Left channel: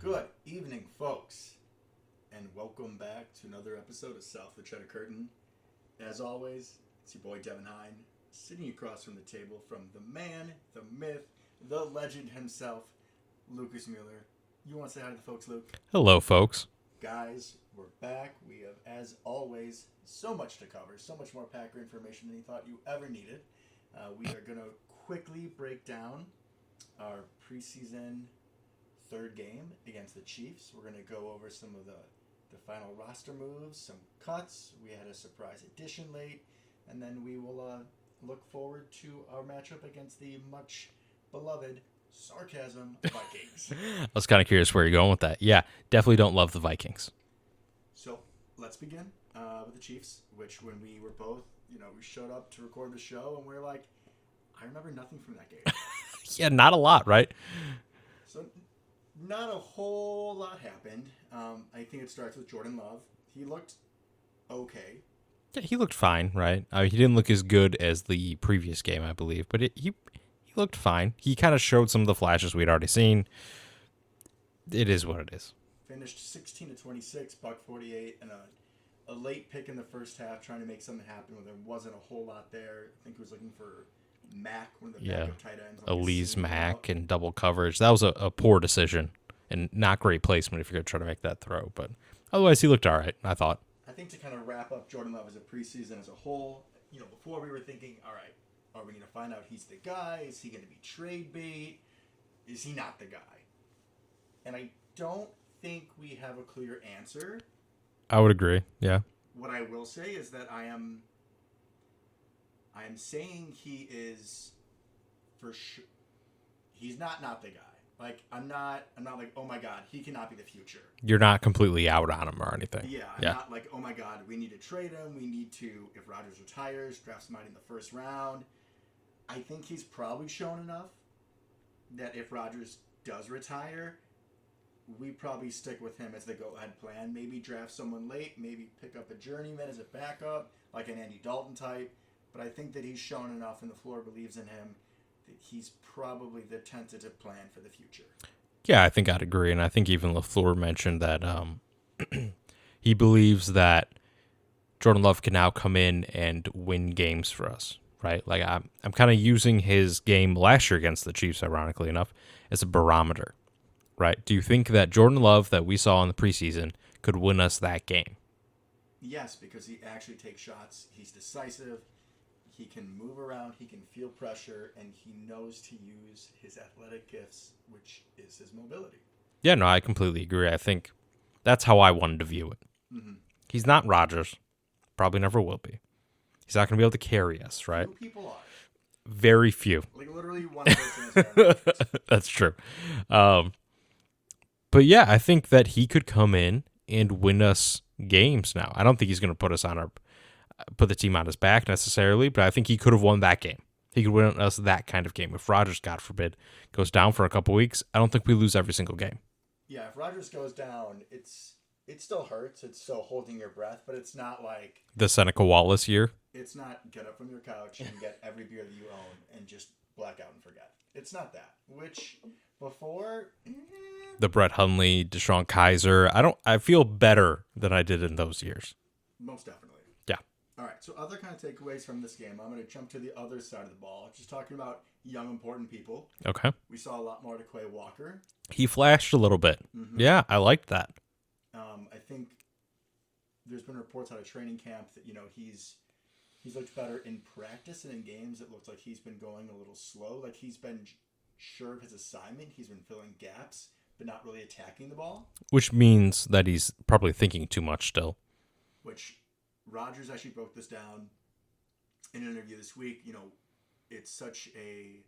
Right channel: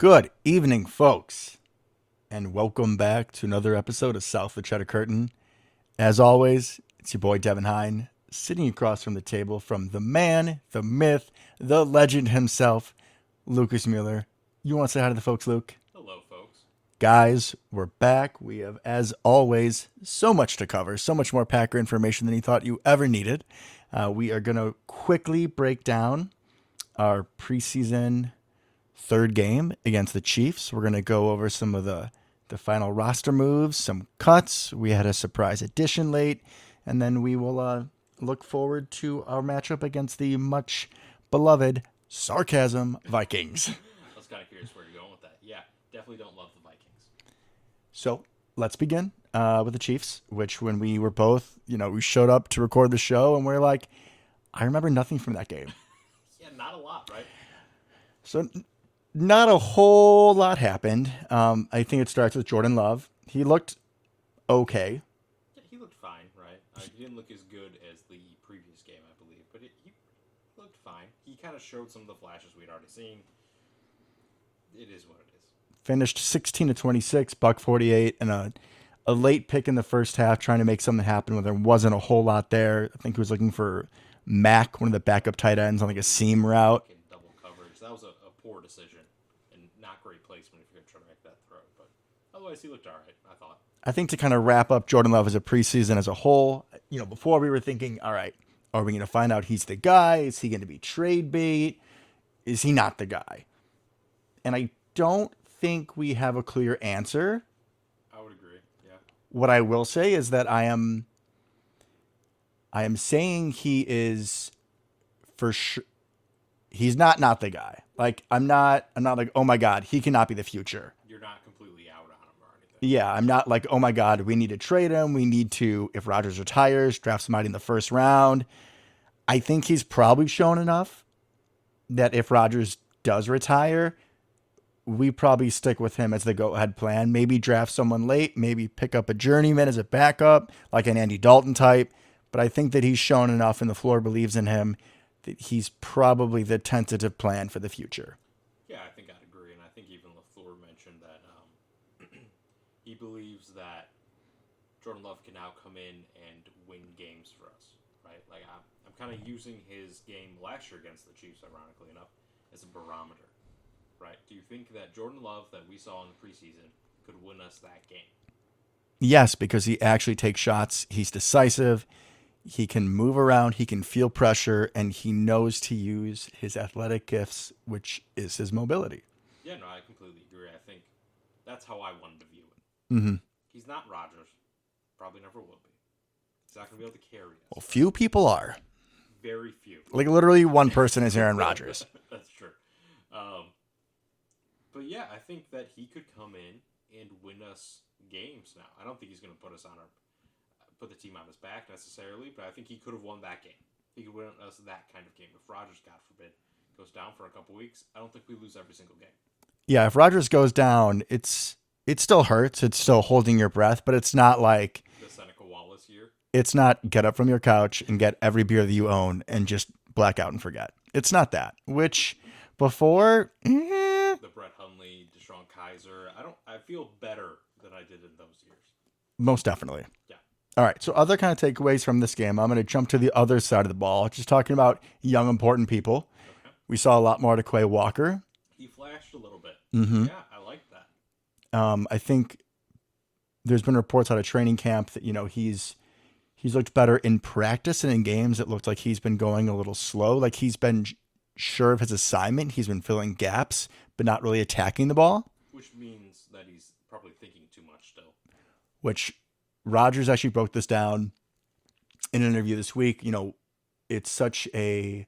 Good evening, folks, and welcome back to another episode of South of the Cheddar Curtain. As always, it's your boy Devin Hine, sitting across from the table from the man, the myth, the legend himself, Lucas Mueller. You want to say hi to the folks, Luke? Hello, folks. Guys, we're back. We have, as always, so much to cover, so much more Packer information than you thought you ever needed. We are going to quickly break down our preseason third game against the Chiefs. We're going to go over some of the final roster moves, some cuts. We had a surprise addition late, and then we will look forward to our matchup against the much beloved sarcasm Vikings. I was kind of curious where you're going with that. Yeah, definitely don't love the Vikings. So let's begin with the Chiefs, which when we were both, we showed up to record the show and we're like, I remember nothing from that game. Yeah, not a lot, right? So not a whole lot happened. I think it starts with Jordan Love. He looked okay. Yeah, he looked fine, right? He didn't look as good as the previous game, I believe, but he looked fine. He kind of showed some of the flashes we'd already seen. It is what it is. Finished 16-26, buck 48, and a late pick in the first half trying to make something happen when there wasn't a whole lot there. I think he was looking for Mack, one of the backup tight ends, on like a seam route. And double coverage. That was a poor decision and not great placement if you're going to try to make that throw. But otherwise, he looked all right, I thought. I think to kind of wrap up Jordan Love as a preseason as a whole, before we were thinking, all right, are we going to find out he's the guy? Is he going to be trade bait? Is he not the guy? And I don't think we have a clear answer. I would agree, yeah. What I will say is that I am saying he is for sure. He's not the guy. Like I'm not like, oh my God, he cannot be the future. You're not completely out on him or anything. Yeah, I'm not like, oh my God, we need to trade him. We need to, if Rodgers retires, draft somebody in the first round. I think he's probably shown enough that if Rodgers does retire, we probably stick with him as the go-ahead plan. Maybe draft someone late, maybe pick up a journeyman as a backup, like an Andy Dalton type. But I think that he's shown enough and the floor believes in him that he's probably the tentative plan for the future. Yeah, I think I'd agree. And I think even LaFleur mentioned that he believes that Jordan Love can now come in and win games for us, right? Like I'm kind of using his game last year against the Chiefs, ironically enough, as a barometer, right? Do you think that Jordan Love that we saw in the preseason could win us that game? Yes, because he actually takes shots. He's decisive. He can move around, he can feel pressure, and he knows to use his athletic gifts, which is his mobility. Yeah, no, I completely agree. I think that's how I wanted to view it. Mm-hmm. He's not Rodgers. Probably never will be. He's not going to be able to carry us, right? Few people are. Very few. Like literally one person is Aaron Rodgers. That's true. But yeah, I think that he could come in and win us games now. I don't think he's going to put the team on his back necessarily, but I think he could have won that game. He could win us that kind of game. If Rodgers, God forbid, goes down for a couple weeks, I don't think we lose every single game. Yeah, if Rodgers goes down, it still hurts. It's still holding your breath, but it's not like the Seneca Wallace year. It's not get up from your couch and get every beer that you own and just black out and forget. It's not that. Which before the Brett Hundley, Deshaun Kaiser, I feel better than I did in those years. Most definitely. Yeah. All right, so other kind of takeaways from this game. I'm going to jump to the other side of the ball, just talking about young, important people. Okay. We saw a lot more to Quay Walker. He flashed a little bit. Mm-hmm. Yeah, I liked that. I think there's been reports out of training camp that, he's looked better in practice and in games. It looked like he's been going a little slow. Like he's been sure of his assignment. He's been filling gaps, but not really attacking the ball. Which means that he's probably thinking too much still. Which Rodgers actually broke this down in an interview this week. It's such a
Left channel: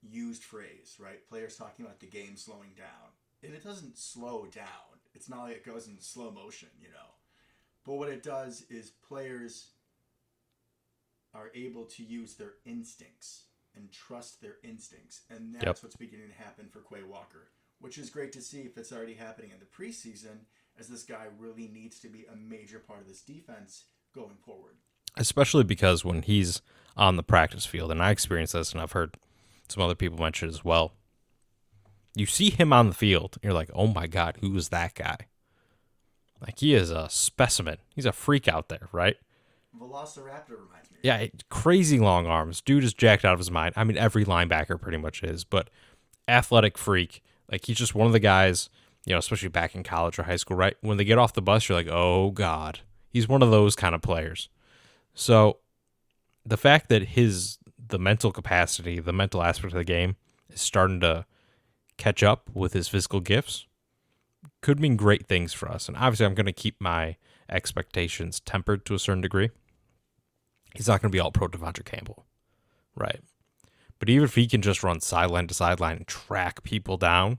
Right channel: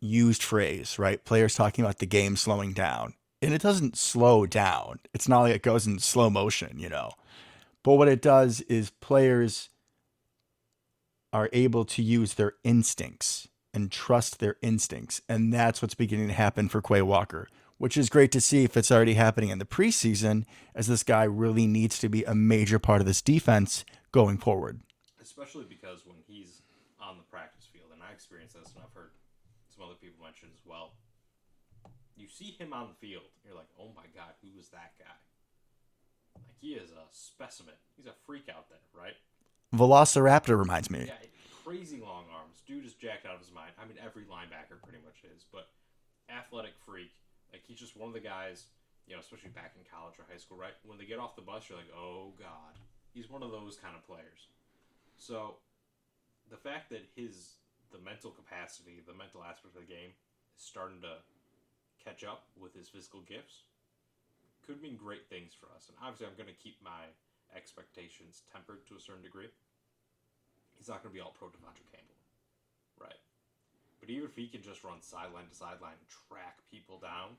used phrase, right? Players talking about the game slowing down. And it doesn't slow down. It's not like it goes in slow motion, But what it does is players are able to use their instincts and trust their instincts. And that's what's beginning to happen for Quay Walker, which is great to see if it's already happening in the preseason, as this guy really needs to be a major part of this defense going forward. Especially because when he's on the practice field, and I experienced this and I've heard some other people mention it as well, You see him on the field, and you're like, oh my God, who is that guy? Like, he is a specimen. He's a freak out there, right? Velociraptor reminds me. Yeah, crazy long arms. Dude is jacked out of his mind. I mean, every linebacker pretty much is, but athletic freak. Like, he's just one of the guys, especially back in college or high school, right? When they get off the bus, you're like, oh God. He's one of those kind of players. So the fact that the mental capacity, the mental aspect of the game is starting to catch up with his physical gifts could mean great things for us. And obviously I'm going to keep my expectations tempered to a certain degree. He's not going to be all pro Devontae Campbell, right? But even if he can just run sideline to sideline and track people down,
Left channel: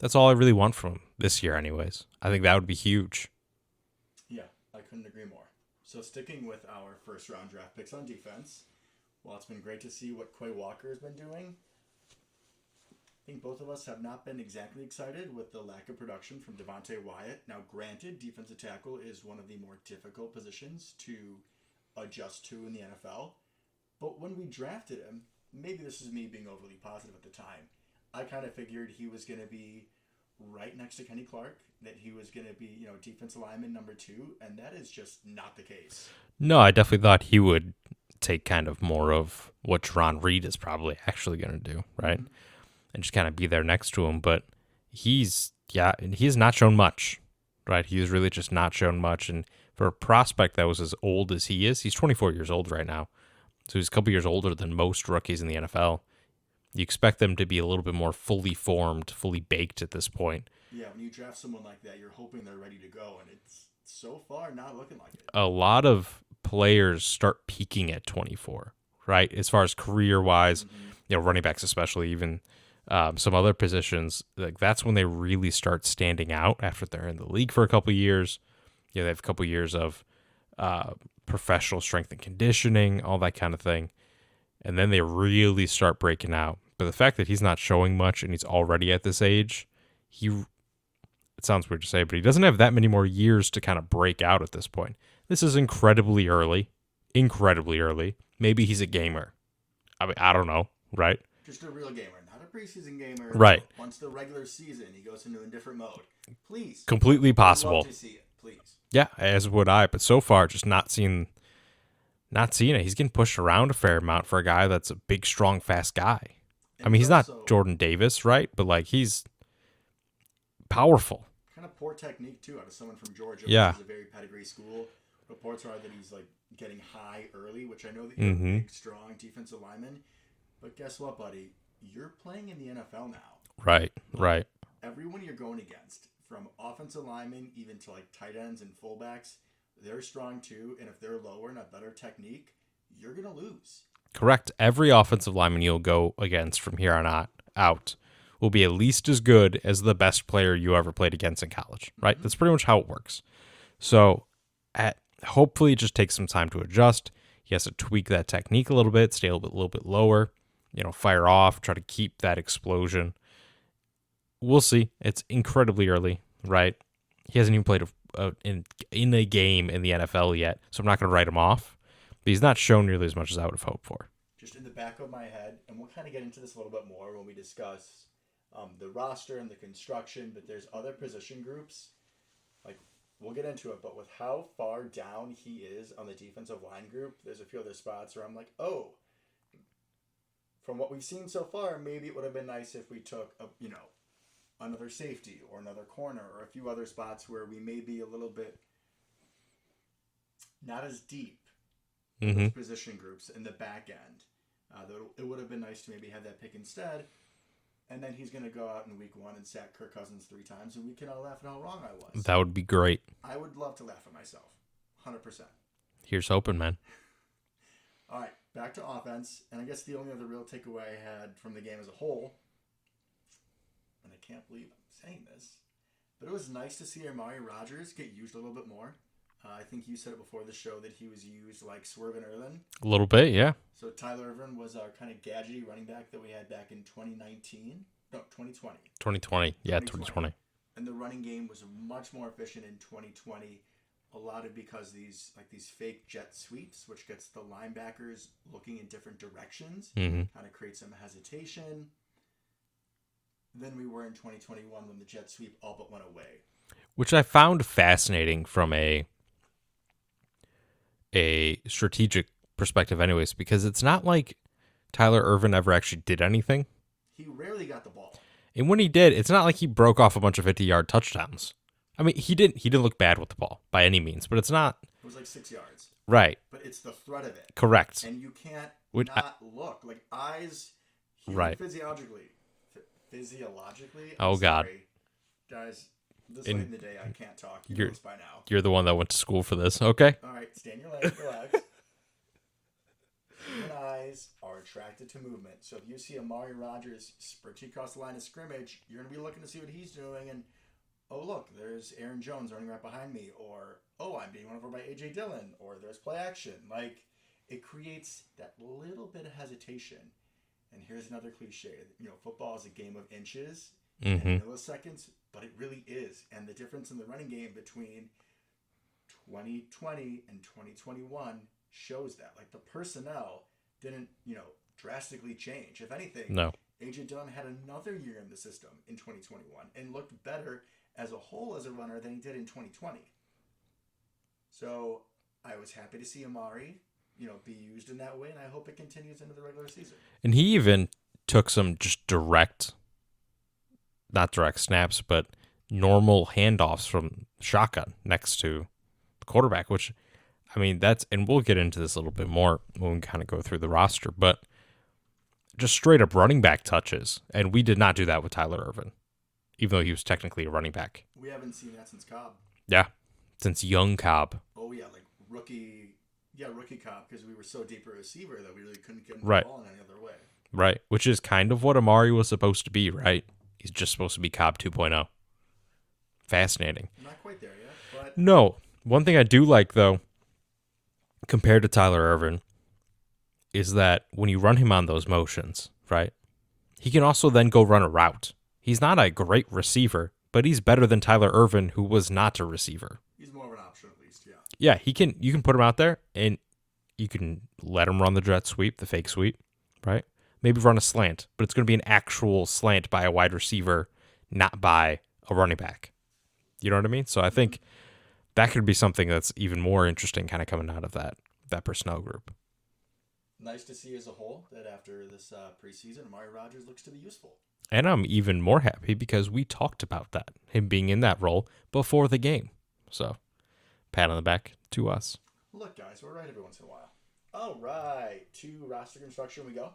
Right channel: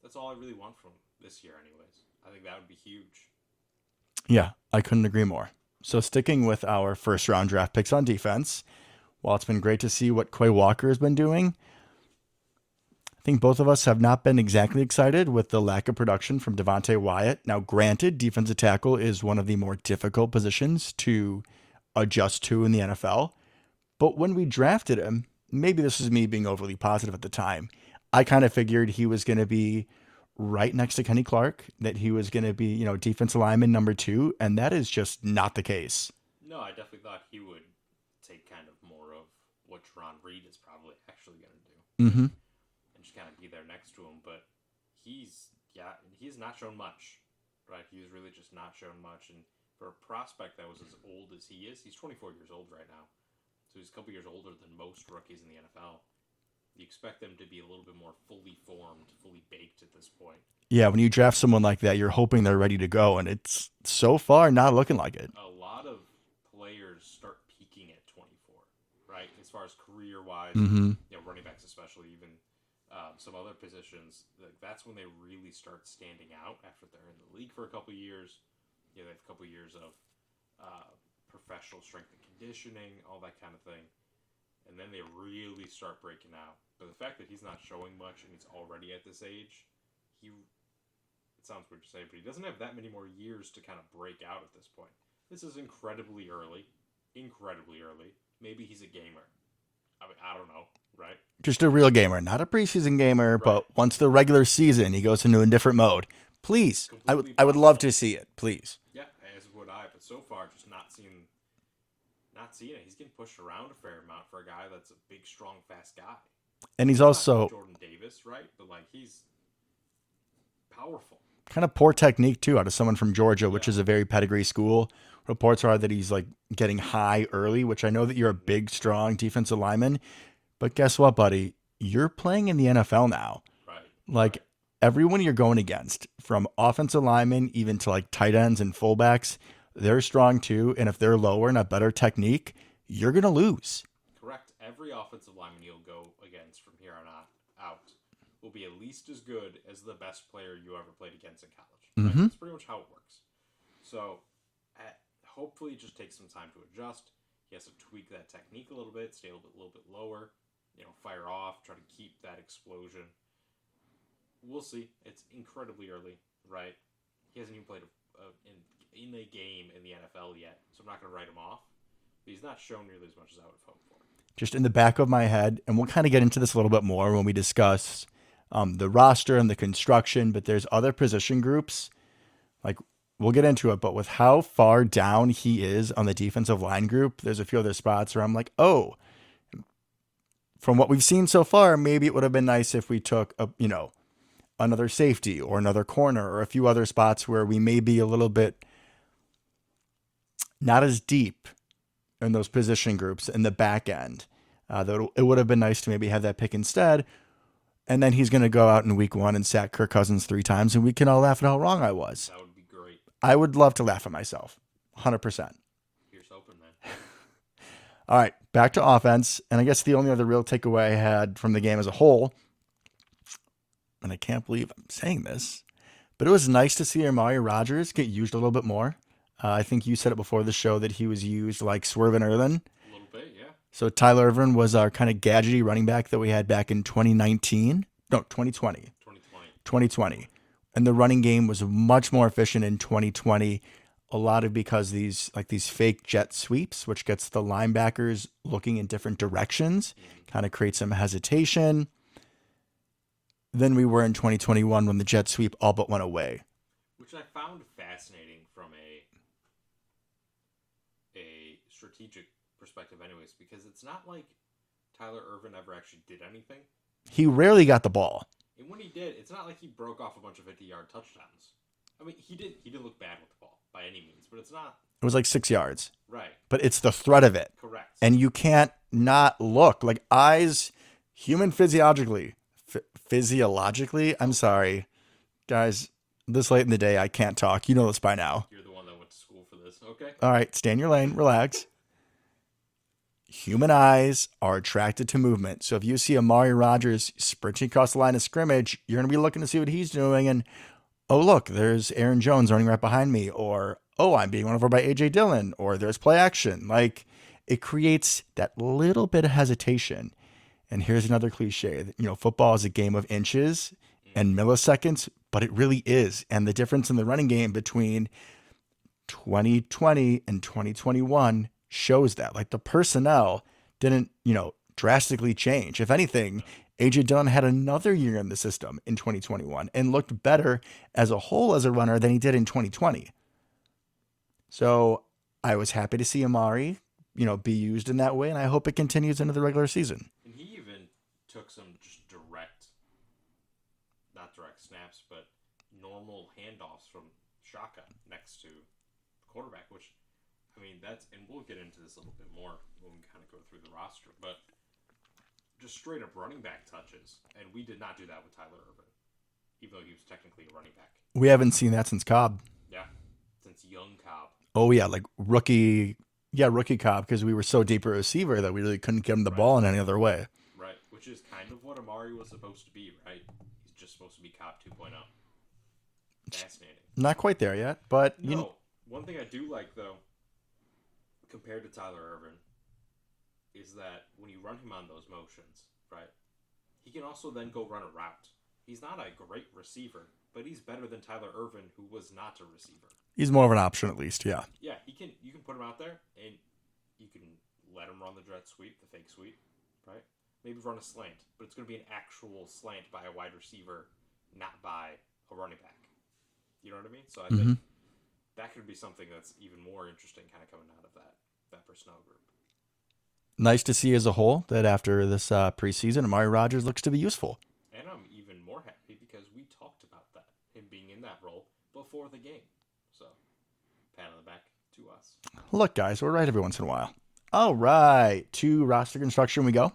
that's all I really want from him this year anyways. I think that would be huge. Yeah, I couldn't agree more. So sticking with our first round draft picks on defense, while it's been great to see what Quay Walker has been doing, I think both of us have not been exactly excited with the lack of production from Devontae Wyatt. Now, granted, defensive tackle is one of the more difficult positions to adjust to in the NFL. But when we drafted him, maybe this is me being overly positive at the time, I kind of figured he was going to be right next to Kenny Clark, that he was going to be, defensive lineman number 2, and that is just not the case. No, I definitely thought he would take kind of more of what Jerron Reed is probably actually going to do, right? Mm-hmm. And just kind of be there next to him. But he's not shown much, right? He's really just not shown much. And for a prospect that was as old as he is, he's 24 years old right now. So he's a couple years older than most rookies in the NFL. You expect them to be a little bit more fully formed, fully baked at this point. Yeah, when you draft someone like that, you're hoping they're ready to go, and it's so far not looking like it. A lot of players start peaking at 24, right? As far as career-wise, running backs especially, even some other positions, like that's when they really start standing out after they're in the league for a couple of years. They have a couple of years of professional strength and conditioning, all that kind of thing. And then they really start breaking out. But the fact that he's not showing much and he's already at this age, it sounds weird to say, but he doesn't have that many more years to kind of break out at this point. This is incredibly early. Maybe he's a gamer. I mean, I don't know, right? Just a real gamer, not a preseason gamer. Right. But once the regular season, he goes into a different mode. Please. Completely I would possible. love to see it, please. Yeah, as would I. But so far, just not seeing it. He's getting pushed around a fair amount for a guy that's a big, strong, fast guy. And he's also not Jordan Davis, right? But like he's powerful. Kind of poor technique too out of someone from Georgia, Yeah. which is a very pedigree school. Reports are that he's like getting high early, which I know that you're a big, strong defensive lineman. But guess what, buddy? You're playing in the NFL now. Right. Right. Everyone you're going against, from offensive linemen even to like tight ends and fullbacks, they're strong too. And if they're lower and a better technique, you're going to lose. Correct. Every offensive lineman you'll go against from here on out will be at least as good as the best player you ever played against in college, right? That's pretty much how it works. So hopefully it just takes some time to adjust. He has to tweak that technique a little bit, stay a little bit lower, fire off, try to keep that explosion. We'll see. It's incredibly early, right? He hasn't even played in a game in the NFL yet, so I'm not going to write him off. But he's not shown nearly as much as I would have hoped for. Just in the back of my head, and we'll kind of get into this a little bit more when we discuss the roster and the construction, but there's other position groups. Like, we'll get into it, but with how far down he is on the defensive line group, there's a few other spots where I'm like, oh, from what we've seen so far, maybe it would have been nice if we took another safety or another corner or a few other spots where we may be a little bit not as deep in those position groups in the back end. It would have been nice to maybe have that pick instead. And then he's going to go out in week 1 and sack Kirk Cousins 3 times, and we can all laugh at how wrong I was. That would be great. I would love to laugh at myself. 100%. Here's hoping, man. All right, back to offense. And I guess the only other real takeaway I had from the game as a whole, and I can't believe I'm saying this, but it was nice to see Amari Rodgers get used a little bit more. I think you said it before the show that he was used like Swervin Irvin. A little bit, yeah. So Tyler Irvin was our kind of gadgety running back that we had back in 2019. No, 2020. 2020. Yeah, 2020. And the running game was much more efficient in 2020. A lot of because these fake jet sweeps, which gets the linebackers looking in different directions, kind of creates some hesitation. than we were in 2021 when the jet sweep all but went away. Which I found fascinating from a strategic perspective anyways, because it's not like Tyler Ervin ever actually did anything. He rarely got the ball. And when he did, it's not like he broke off a bunch of 50-yard touchdowns. I mean, he didn't look bad with the ball by any means, but it's not. It was like 6 yards. Right. But it's the threat of it. Correct. And you can't not look. Like eyes, human Right. physiologically, I'm Oh, sorry. Guys, this late in the day, I can't talk. You know this by now. You're the one that went to school for this. Okay. All right, stay in your lane, relax. Human eyes are attracted to movement. So if you see Amari Rodgers sprinting across the line of scrimmage, you're going to be looking to see what he's doing. And, oh, look, there's Aaron Jones running right behind me. Or, oh, I'm being run over by A.J. Dillon. Or there's play action. Like, it creates that little bit of hesitation. And here's another cliche. You know, football is a game of inches and milliseconds, but it really is. And the difference in the running game between 2020 and 2021 shows that. Like, the personnel didn't, drastically change. If anything, No. AJ Dillon had another year in the system in 2021 and looked better as a whole as a runner than he did in 2020. So I was happy to see Amari, be used in that way, and I hope it continues into the regular season. And he even took some just not direct snaps, but normal handoffs from shotgun next to the quarterback, which, I mean, and we'll get into this a little bit more when we kind of go through the roster, but just straight up running back touches. And we did not do that with Tyler Ervin, even though he was technically a running back. We haven't seen that since Cobb. Yeah. Since young Cobb. Oh, yeah, like rookie Cobb, because we were so deep a receiver that we really couldn't get him the ball in any other way. Right, which is kind of what Amari was supposed to be, right? He's just supposed to be Cobb 2.0. Fascinating. Not quite there yet, but... No. One thing I do like, though, compared to Tyler Ervin, is that when you run him on those motions, right, he can also then go run a route. He's not a great receiver, but he's better than Tyler Ervin, who was not a receiver. He's more of an option, at least, yeah. Yeah, you can put him out there, and you can let him run the jet sweep, the fake sweep, right? Maybe run a slant, but it's going to be an actual slant by a wide receiver, not by a running back. You know what I mean? So I think that could be something that's even more interesting kind of coming out of that personnel group. Nice to see as a whole that after this preseason, Amari Rodgers looks to be useful. And I'm even more happy because we talked about that, him being in that role before the game. So, pat on the back to us. Look, guys, we're right every once in a while. All right, to roster construction we go.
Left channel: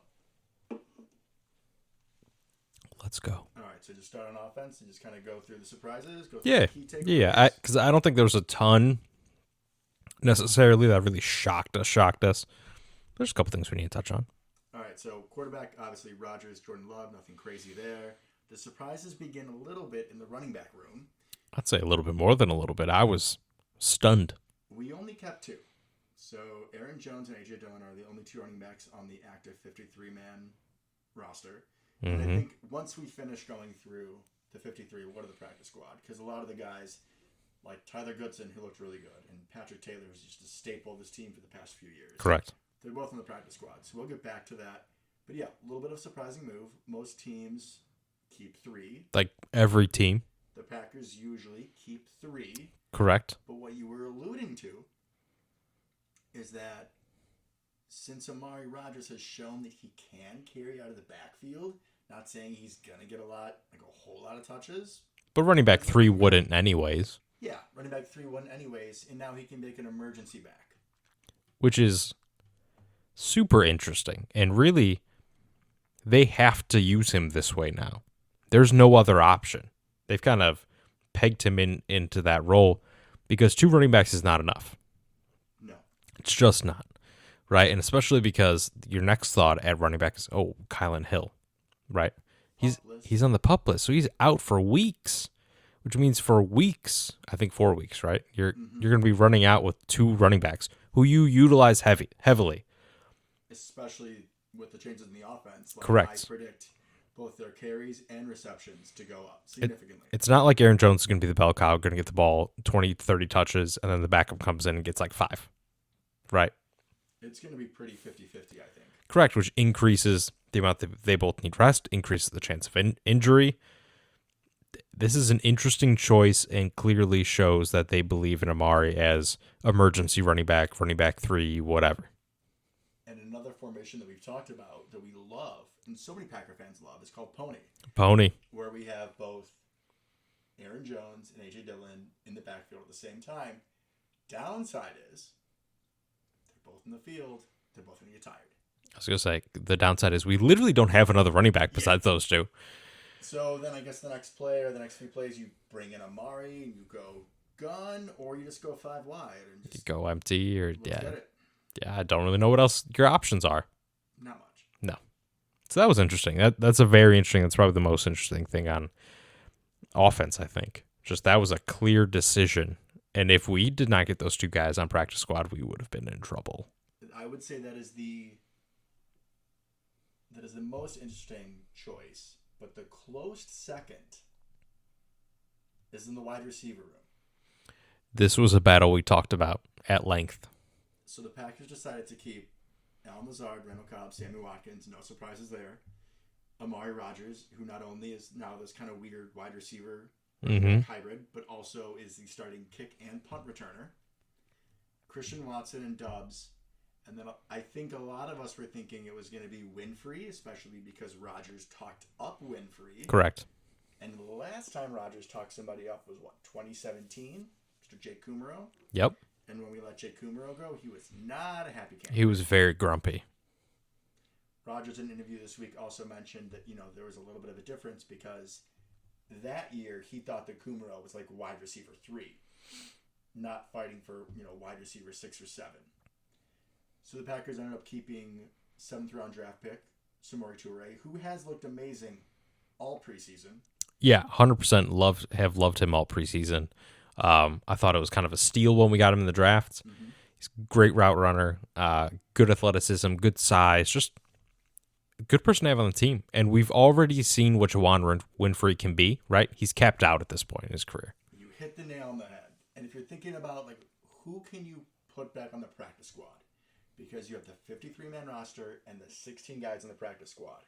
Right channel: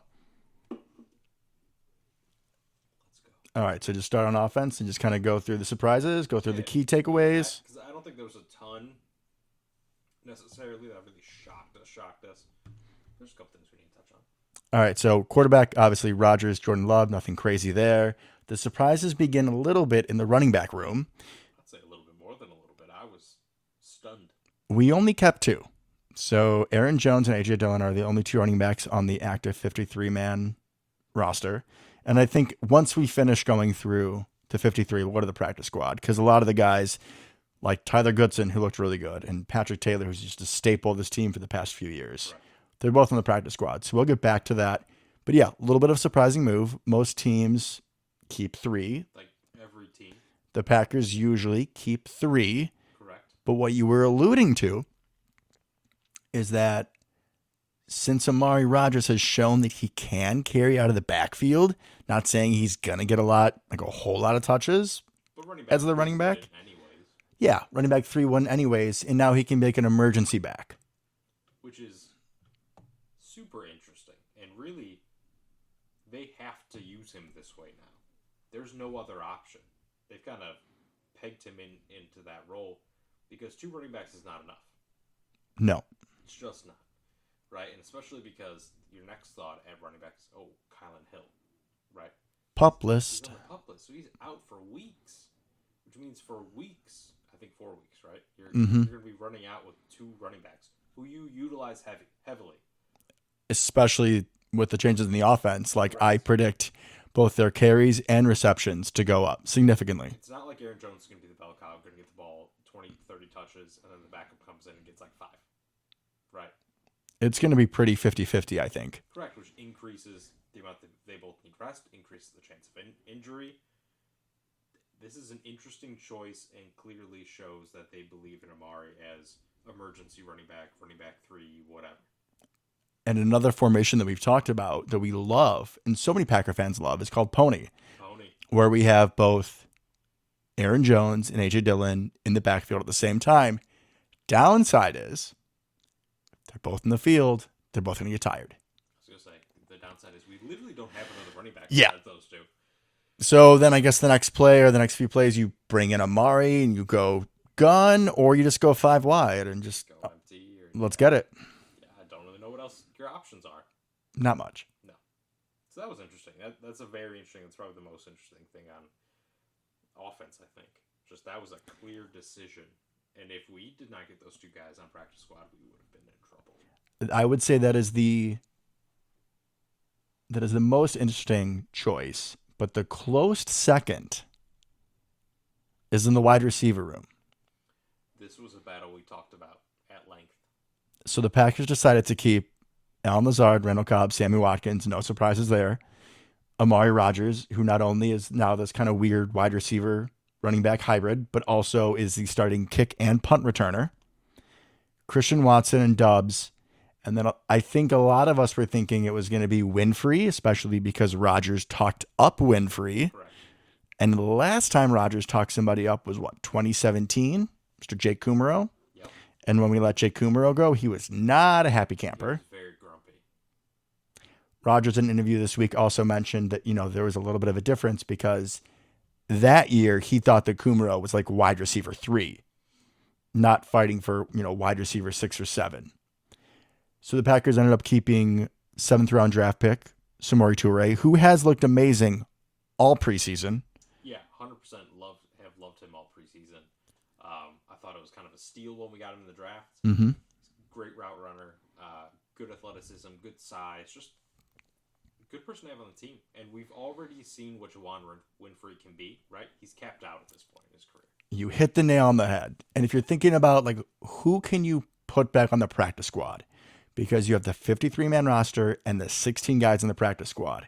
Let's go. All right, so just start on offense and just kind of go through the surprises, go through the key takeaways. Yeah, because I don't think there was a ton necessarily that really shocked us. There's a couple things we need to touch on. All right, so quarterback, obviously Rodgers, Jordan Love, nothing crazy there. The surprises begin a little bit in the running back room. I'd say a little bit more than a little bit. I was stunned. We only kept two. So Aaron Jones and A.J. Dillon are the only two running backs on the active 53-man roster. And I think once we finish going through to 53, we'll go to the practice squad. Because a lot of the guys, like Tyler Goodson, who looked really good, and Patrick Taylor, who's just a staple of this team for the past few years. Correct. They're both on the practice squad. So we'll get back to that. But yeah, a little bit of a surprising move. Most teams keep three. Like every team. The Packers usually keep three. Correct. But what you were alluding to is that since Amari Rodgers has shown that he can carry out of the backfield, not saying he's going to get a whole lot of touches. But running back 3 wouldn't anyways. Yeah, running back 3 wouldn't anyways. And now he can make an emergency back. Which is super interesting. And really, they have to use him this way now. There's no other option. They've kind of pegged him into that role because 2 running backs is not enough. No. It's just not. Right? And especially because your next thought at running back is, Kylan Hill. Right? PUP list. He's on the PUP list. So he's out for weeks. Which means for weeks, I think 4 weeks, right? You're going to be running out with 2 running backs who you utilize heavily. Especially with the changes in the offense. Correct. I predict both their carries and receptions to go up significantly. It's not like Aaron Jones is going to be the bell cow, going to get the ball 20, 30 touches, and then the backup comes in and gets like 5. Right? It's going to be pretty 50-50, I think. Correct, which increases the amount that they both need rest, increases the chance of injury, this is an interesting choice and clearly shows that they believe in Amari as emergency running back 3, whatever. And another formation that we've talked about that we love, and so many Packer fans love, is called Pony, Pony. where we have both Aaron Jones and A.J. Dillon in the backfield at the same time. Downside is they're both in the field. They're both going to get tired. I was going to say, the downside is we literally don't have another running back besides those two. So then I guess the next play or the next few plays, you bring in Amari and you go gun, or you just go 5 wide and just go empty. Or let's get it. Yeah, I don't really know what else your options are. Not much. No. So that was interesting. That's a very interesting. That's probably the most interesting thing on offense, I think. Just that was a clear decision. And if we did not get those two guys on practice squad, we would have been in trouble. I would say that is the most interesting choice, but the close second is in the wide receiver room. This was a battle we talked about at length. So the Packers decided to keep Allen Lazard, Randall Cobb, Sammy Watkins, no surprises there. Amari Rodgers, who not only is now this kind of weird wide receiver running back hybrid, but also is the starting kick and punt returner. Christian Watson and Dubs. And then I think a lot of us were thinking it was going to be Winfrey, especially because Rodgers talked up Winfrey. Correct. And the last time Rodgers talked somebody up was, 2017? Mr. Jake Kumaro. Yep. And when we let Jake Kumaro go, he was not a happy camper. He was very grumpy. Rodgers in an interview this week also mentioned that, there was a little bit of a difference because that year he thought that Kumaro was like wide receiver 3, not fighting for, wide receiver 6 or 7. So the Packers ended up keeping 7th round draft pick, Samori Toure, who has looked amazing all preseason. Yeah, 100% have loved him all preseason. I thought it was kind of a steal when we got him in the draft. Mm-hmm. He's a great route runner, good athleticism, good size, just a good person to have on the team. And we've already seen what Juwan Winfrey can be, right? He's capped out at this point in his career. You hit the nail on the head. And if you're thinking about, who can you put back on the practice squad? Because you have the 53-man roster and the 16 guys in the practice squad.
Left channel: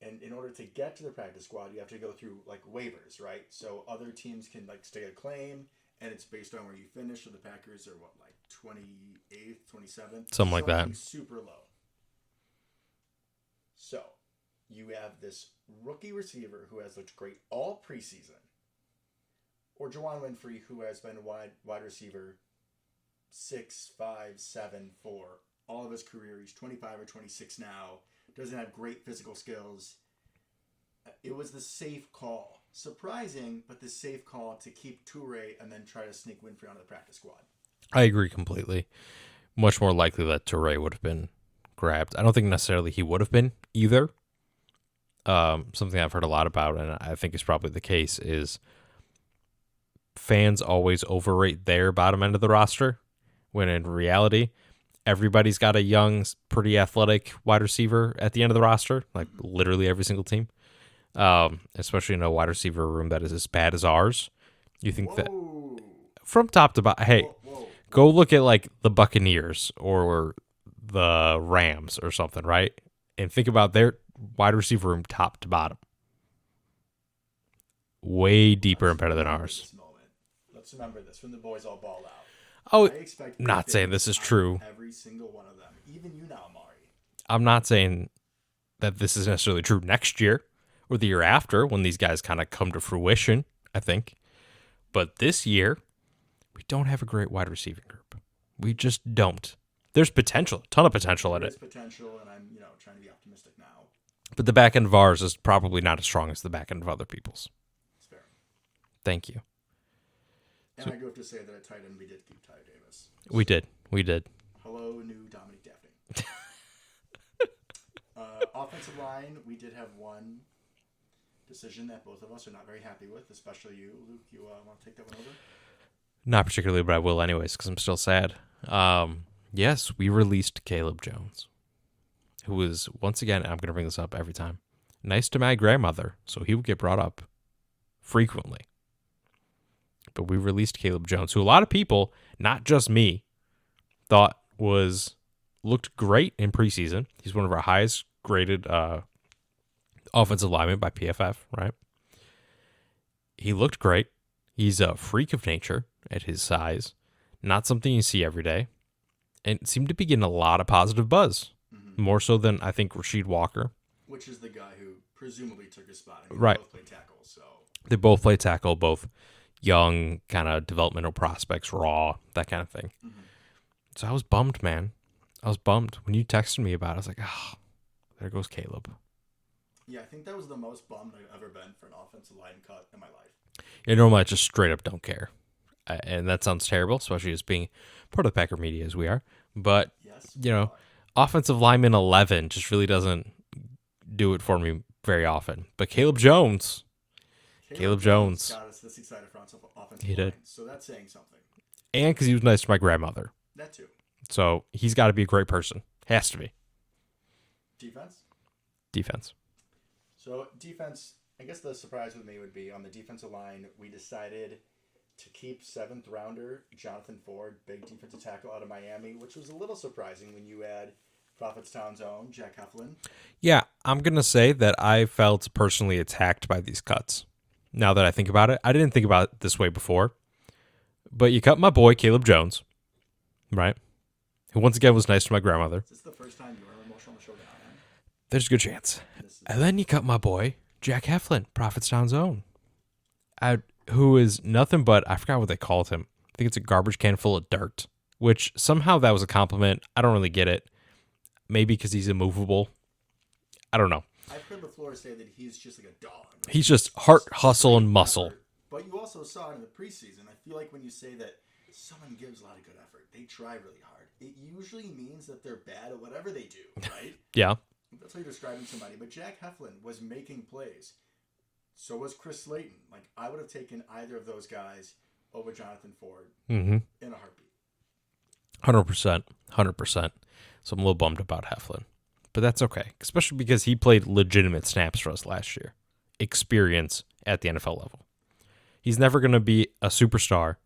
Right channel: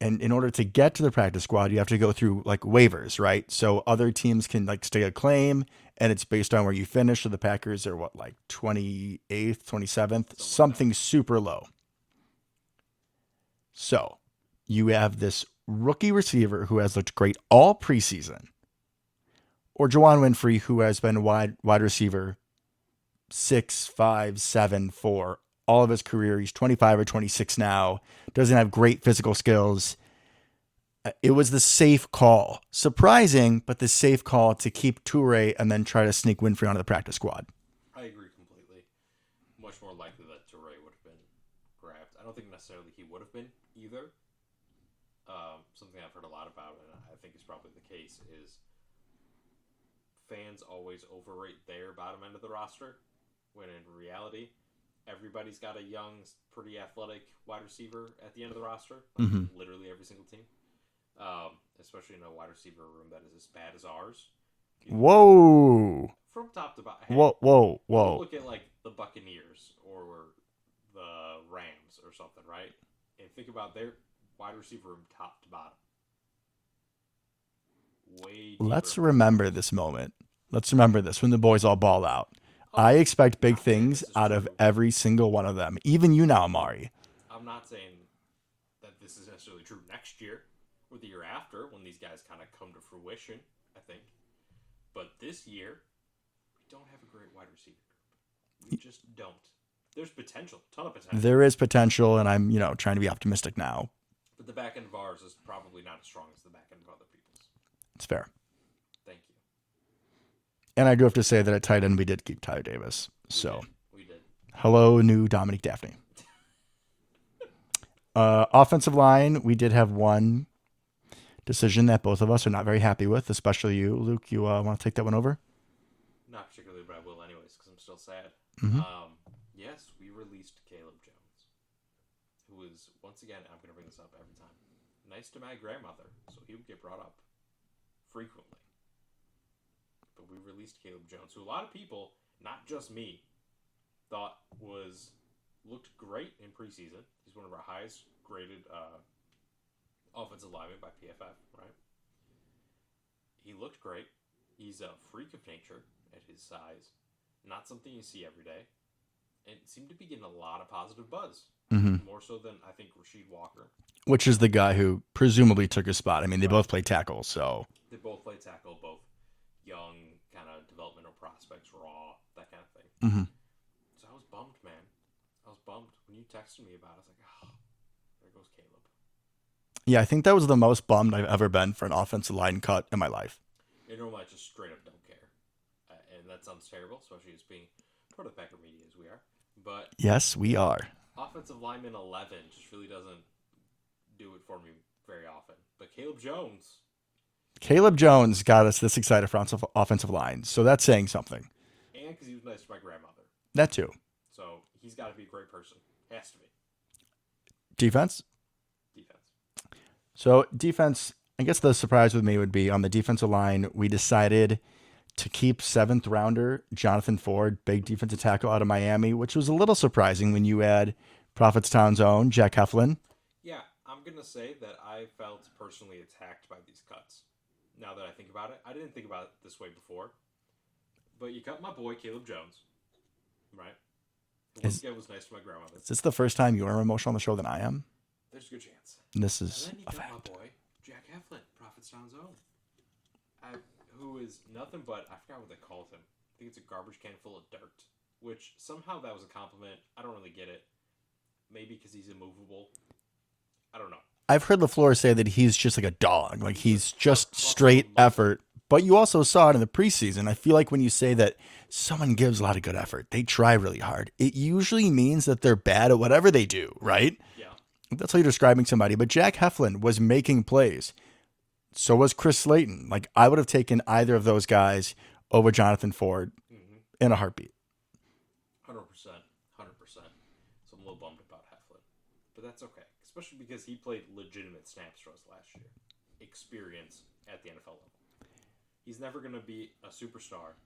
And in order to get to the practice squad, you have to go through waivers, right? So other teams can stake a claim, and it's based on where you finish. So the Packers are 28th, 27th, something super low. So you have this rookie receiver who has looked great all preseason, or Juwan Winfrey, who has been wide receiver 6, 5, 7, 4 all of his career. He's 25 or 26 now. Doesn't have great physical skills. It was the safe call. Surprising, but the safe call to keep Toure and then try to sneak Winfrey onto the practice squad. I agree completely. Much more likely that Toure would have been grabbed. I don't think necessarily he would have been either. Something I've heard a lot about, and I think is probably the case, is fans always overrate their bottom end of the roster, when in reality, everybody's got a young, pretty athletic wide receiver at the end of the roster, literally every single team, especially in a wide receiver room that is as bad as ours. You think whoa. From top to bottom. Hey, whoa. Go look at the Buccaneers or the Rams or something, right? And think about their wide receiver room top to bottom. Way deeper and better than ours. Let's remember this moment. Let's remember this when the boys all ball out. Oh, I expect big things this is out true. of every single one of them. Even you now, Amari. I'm not saying that this is necessarily true next year or the year after when these guys kind of come to fruition, I think. But this year, we don't have a great wide receiving group. We just don't. There's potential, a ton of potential. There is potential, and I'm, trying to be optimistic now. But the back end of ours is probably not as strong as the back end of other people's. It's fair. Thank you. And I do have to say that at tight end, we did keep Tyler Davis. We did. Hello, new Dominique Daphne. Offensive line, we did have one decision that both of us are not very happy with, especially you. Luke, you want to take that one over? Not particularly, but I will anyways because I'm still sad. Mm-hmm. Yes, we released Caleb Jones, who was, once again, I'm going to bring this up every time, nice to my grandmother, so he would get brought up frequently. But we released Caleb Jones, who a lot of people, not just me, thought looked great in preseason. He's one of our highest graded offensive linemen by PFF, right? he looked great. He's a freak of nature at his size, not something you see every day, and seemed to be getting a lot of positive buzz, more so than I think Rasheed Walker. Which is the guy who presumably took his spot. I mean, they Right. both play tackle, so They both play tackle, both young, kind of developmental prospects, raw, that kind of thing. So I was bummed, man. I was bummed. When you texted me about it, I was like, oh, there goes Caleb. yeah, I think that was the most bummed I've ever been for an offensive line cut in my life. Yeah, normally I just straight up don't care. And that sounds terrible, especially as being part of the Packer media as we are. But Yes, we are. offensive lineman 11 just really doesn't do it for me very often. But Caleb Jones. Caleb Jones got us this excited for offensive He did. line, so that's saying something. And because he was nice to my grandmother. That too. So he's got to be a great person. Has to be. Defense. So defense, I guess the surprise with me would be on the defensive line, we decided to keep 7th rounder Jonathan Ford, big defensive tackle out of Miami, which was a little surprising when you add Prophetstown's own Jack Heflin. Yeah, I'm going to say that I felt personally attacked by these cuts. Now that I think about it, I didn't think about it this way before. But you cut my boy, Caleb Jones, right? Who once again was nice to my grandmother. Is this the first time you're more emotional on the show than I am? There's a good chance. And then you cut my boy, Jack Heflin, Prophetstown's own. Who is nothing but, I forgot what they called him. I think it's a garbage can full of dirt, which somehow that was a compliment. I don't really get it. Maybe because he's immovable. I don't know. I've heard LaFleur say that he's just like a dog. Like he's just heart, hustle, and muscle. Effort. But you also saw it in the preseason. I feel like when you say that someone gives a lot of good effort, they try really hard, it usually means that they're bad at whatever they do, right? Yeah. That's how you're describing somebody. But Jack Heflin was making plays. So was Chris Slayton. Like, I would have taken either of those guys over Jonathan Ford in a heartbeat. 100%. 100%. So I'm a little bummed about Heflin. But that's okay, especially because he played legitimate snaps for us last year. Experience at the NFL level. He's never going to be a superstar,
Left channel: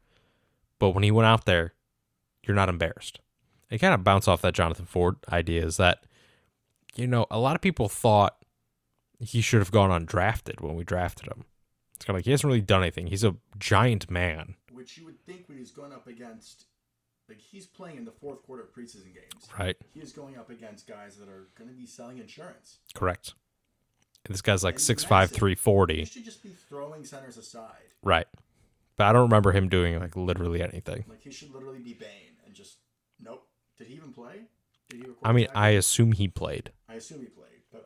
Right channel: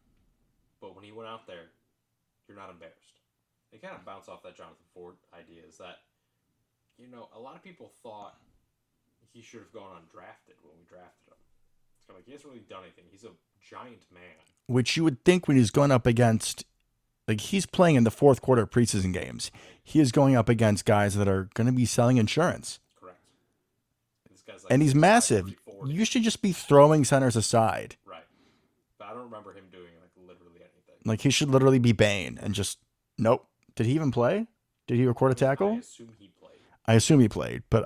but when he went out there, you're not embarrassed. It kind of bounce off that Jonathan Ford idea is that, a lot of people thought he should have gone undrafted when we drafted him. It's kind of like he hasn't really done anything. He's a giant man. Which you would think when he's going up against, like, he's playing in the fourth quarter of preseason games. Right. He is going up against guys that are going to be selling insurance. Correct. This guy's like and he's 6'5", massive. 340. You should just be throwing centers aside. Right. But I don't remember him doing like literally anything. Like, he should literally be Bane and just, nope. Did he even play? Did he record a tackle? I assume he played. I assume he played, but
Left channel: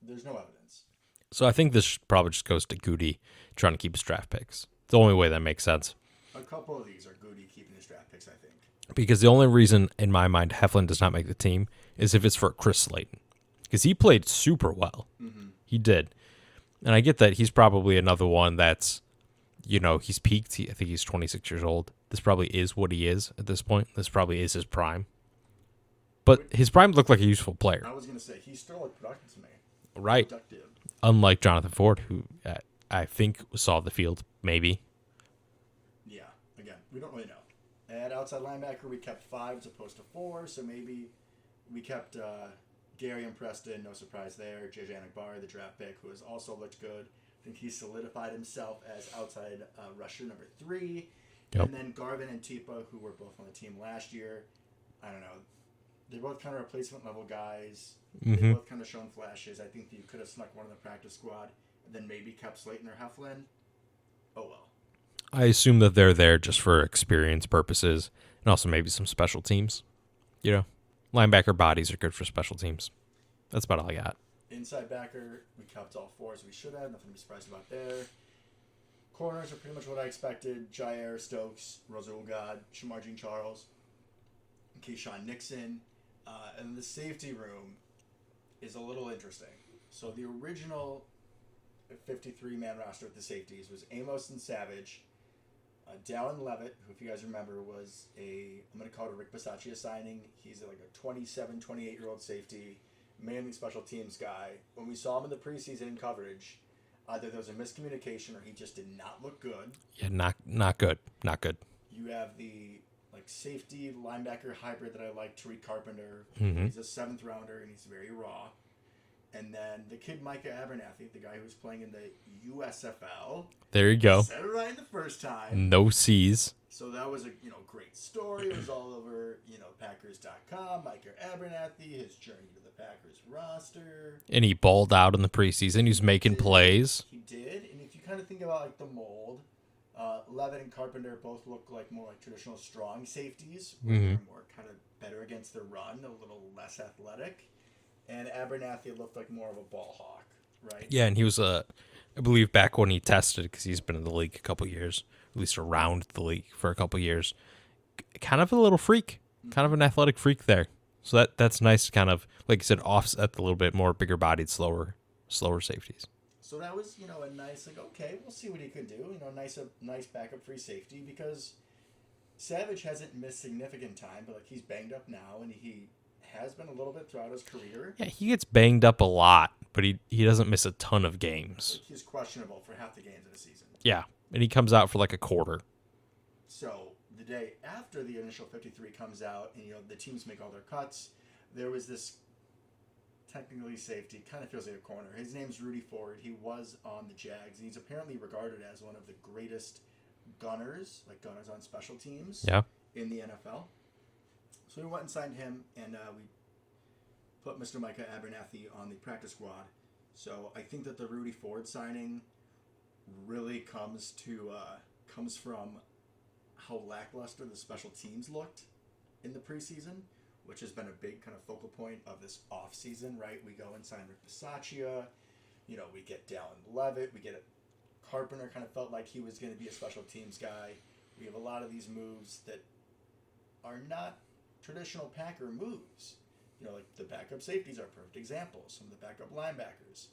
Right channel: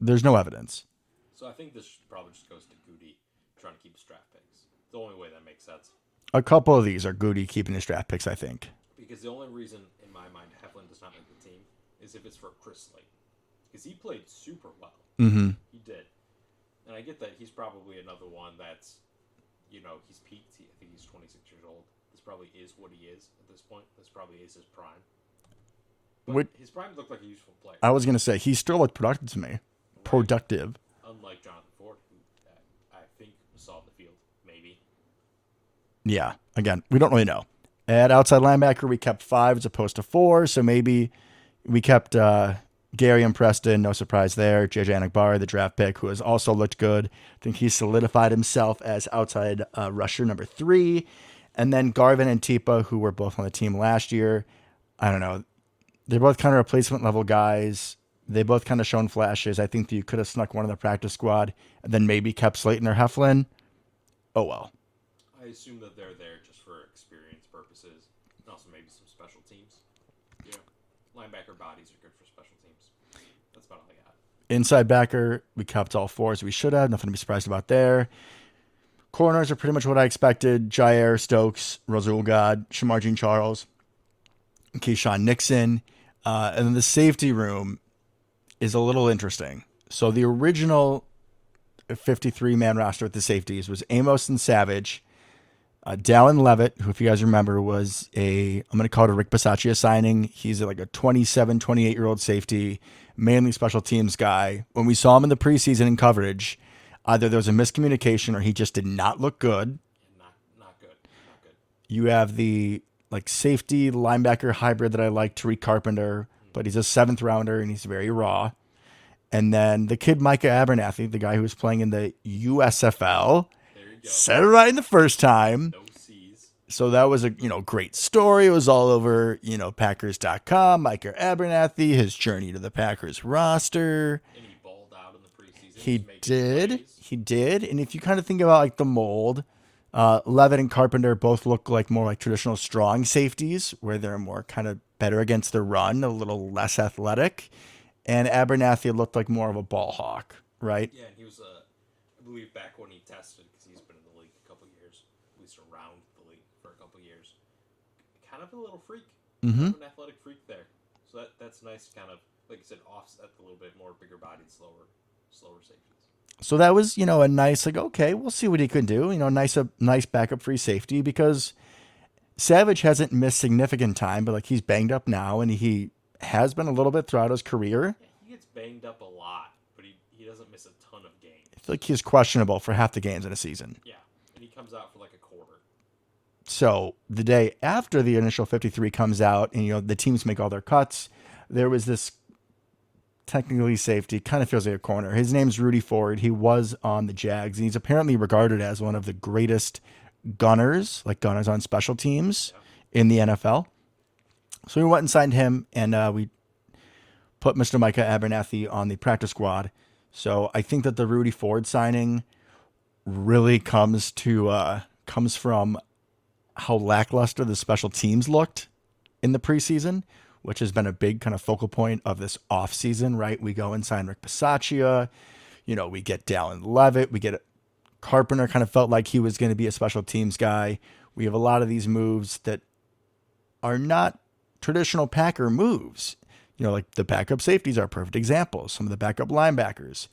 there's no evidence. So I think this probably just goes to Goody trying to keep his draft picks. It's the only way that makes sense. A couple of these are Goody keeping his draft picks, I think. Because the only reason, in my mind, Heflin does not make the team is if it's for Chris Slayton. Because he played super well. Mm-hmm. He did. And I get that he's probably another one that's, he's peaked. I think he's 26 years old. This probably is what he is at this point. This probably is his prime. But his prime looked like a useful player. I was going to say, he still looked productive to me. Right. Productive. Unlike Jonathan Ford, who I think saw the field, maybe. Yeah. Again, we don't really know. At outside linebacker, we kept 5 as opposed to 4, so maybe we kept Gary and Preston, no surprise there. JJ Anakbari, the draft pick, who has also looked good. I think he solidified himself as outside rusher number 3. Yep. And then Garvin and Tipa, who were both on the team last year. I don't know. They're both kind of replacement level guys. They both kind of shown flashes. I think that you could have snuck one in the practice squad and then maybe kept Slayton or Heflin. Oh, well. I assume that they're there just for experience purposes and also maybe some special teams. Linebacker bodies are good for special teams. That's about all I got. Inside backer, we kept all 4 as we should have. Nothing to be surprised about there. Corners are pretty much what I expected. Jair, Stokes, Rasul God, Shamar Jean-Charles, Keyshawn Nixon. And then the safety room is a little interesting. So the original 53-man roster with the safeties was Amos and Savage, Dallin Levitt, who, if you guys remember, was I'm going to call it a Rick Bisaccia signing. He's like a 27, 28-year-old safety, mainly special teams guy. When we saw him in the preseason in coverage, either there was a miscommunication or he just did not look good. Yeah, not good. Not good. You have the safety linebacker hybrid that I like, Tariq Carpenter, but he's a 7th rounder and he's very raw. And then the kid Micah Abernathy, the guy who was playing in the USFL. There you go. Said it right in the first time. No C's. So that was a great story. It was all over Packers.com. Micah Abernathy, his journey to the Packers roster. And he balled out in the preseason. He's making plays. He did. And if you kind of think about like the mold, Levitt and Carpenter both look like more like traditional strong safeties, where they're more kind of better against the run, a little less athletic. And Abernathy looked like more of a ball hawk, right? Yeah, and he was I believe back when he tested, because he's been in the league a couple years, at least around the league for a couple years, kind of a little freak, kind of an athletic freak there. So that's nice to kind of, like you said, offset the little bit more bigger bodied, slower safeties. So that was, a nice, like, okay, we'll see what he can do. Nice backup free safety, because Savage hasn't missed significant time, but like he's banged up now, and he has been a little bit throughout his career. Yeah, he gets banged up a lot, but he doesn't miss a ton of games. Like he's questionable for half the games in a season. Yeah, and he comes out for like a quarter. So the day after the initial 53 comes out, and the teams make all their cuts, there was this technically safety, kind of feels like a corner. His name's Rudy Ford. He was on the Jags, and he's apparently regarded as one of the greatest gunners on special teams in the NFL. So we went and signed him, and we put Mr. Micah Abernathy on the practice squad. So I think that the Rudy Ford signing really comes from how lackluster the special teams looked in the preseason, which has been a big kind of focal point of this offseason, right? We go and sign Rick Bisaccia. We get Dallin Levitt. We get Carpenter, kind of felt like he was going to be a special teams guy. We have a lot of these moves that are not traditional Packer moves. Like the backup safeties are a perfect example. Some of the backup linebackers.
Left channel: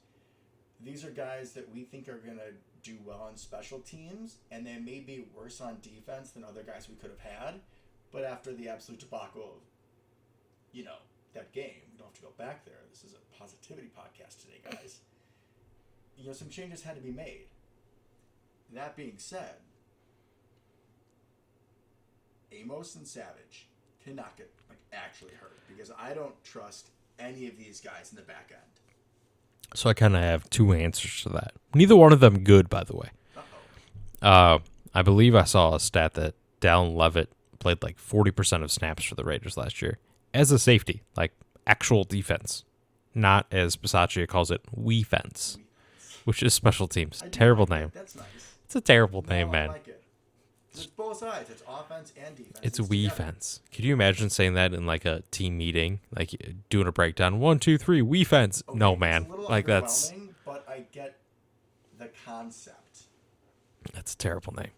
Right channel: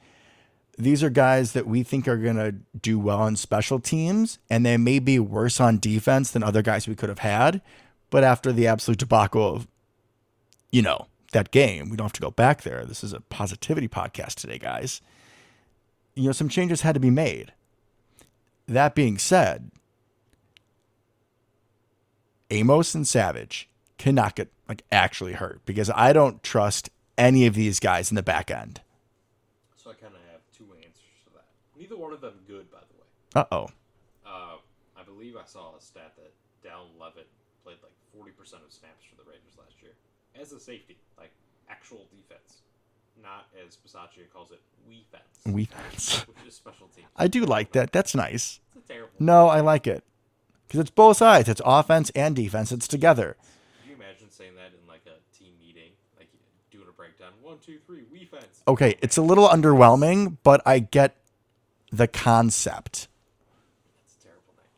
These are guys that we think are going to do well on special teams, and they may be worse on defense than other guys we could have had. But after the absolute debacle of, that game, we don't have to go back there. This is a positivity podcast today, guys. Some changes had to be made. That being said, Amos and Savage cannot get actually hurt, because I don't trust any of these guys in the back end. So I kind of have two answers to that. Neither one of them good, by the way. I believe I saw a stat that Dallin Levitt played like 40% of snaps for the Raiders last year as a safety, like actual defense, not as Bisaccia calls it, we-fence, which is special teams. I do terrible like name. that. That's nice. It's a terrible name. No, I like it. Because it's both sides. It's offense and defense. It's together. We-fence. Could you imagine saying that in like a team meeting, like doing a breakdown? 1, 2, 3, we-fence. Okay, no, man. It's a little underwhelming, but I get the concept. That's a terrible name.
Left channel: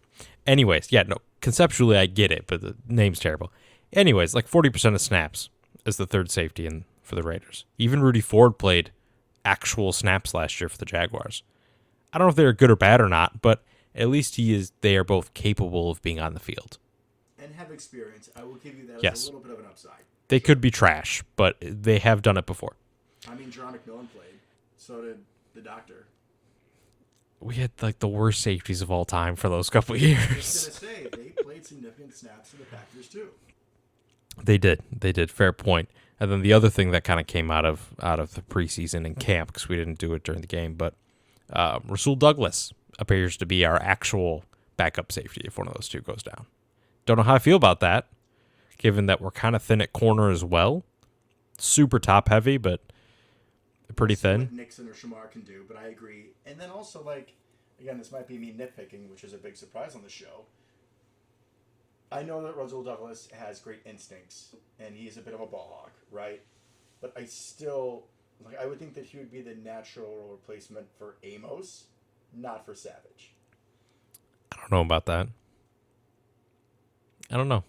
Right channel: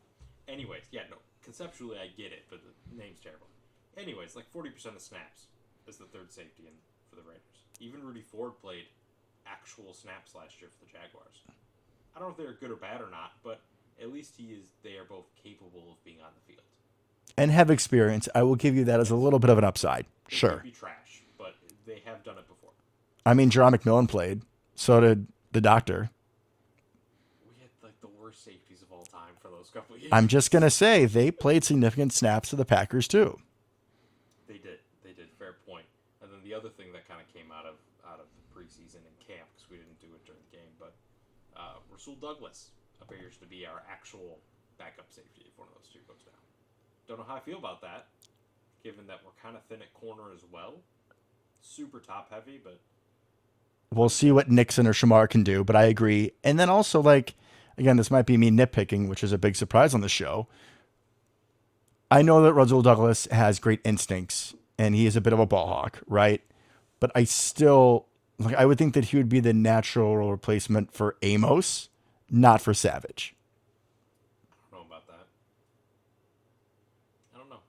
Anyways, conceptually I get it, but the name's terrible. Anyways, like 40% of snaps as the third safety for the Raiders. Even Rudy Ford played actual snaps last year for the Jaguars. I don't know if they're good or bad or not, but at least they are both capable of being on the field. And have experience. I will give you that as a little bit of an upside. They could be trash, but they have done it before. I mean, Jerron McMillan played. So did the doctor. We had like the worst safeties of all time for those couple of years. I'm just going to say they played significant snaps to the Packers too. They did. Fair point. And then the other thing that kind of came out of the preseason and camp, because we didn't do it during the game, but Rasul Douglas appears to be our actual backup safety if one of those two goes down. Don't know how I feel about that, given that we're kind of thin at corner as well. Super top heavy, but we'll see what Nixon or Shamar can do, but I agree. And then also, again, this might be me nitpicking, which is a big surprise on the show. I know that Rasul Douglas has great instincts, and he is a bit of a ball hawk, right? But I still, I would think that he would be the natural replacement for Amos, not for Savage. I don't know about that. I don't know.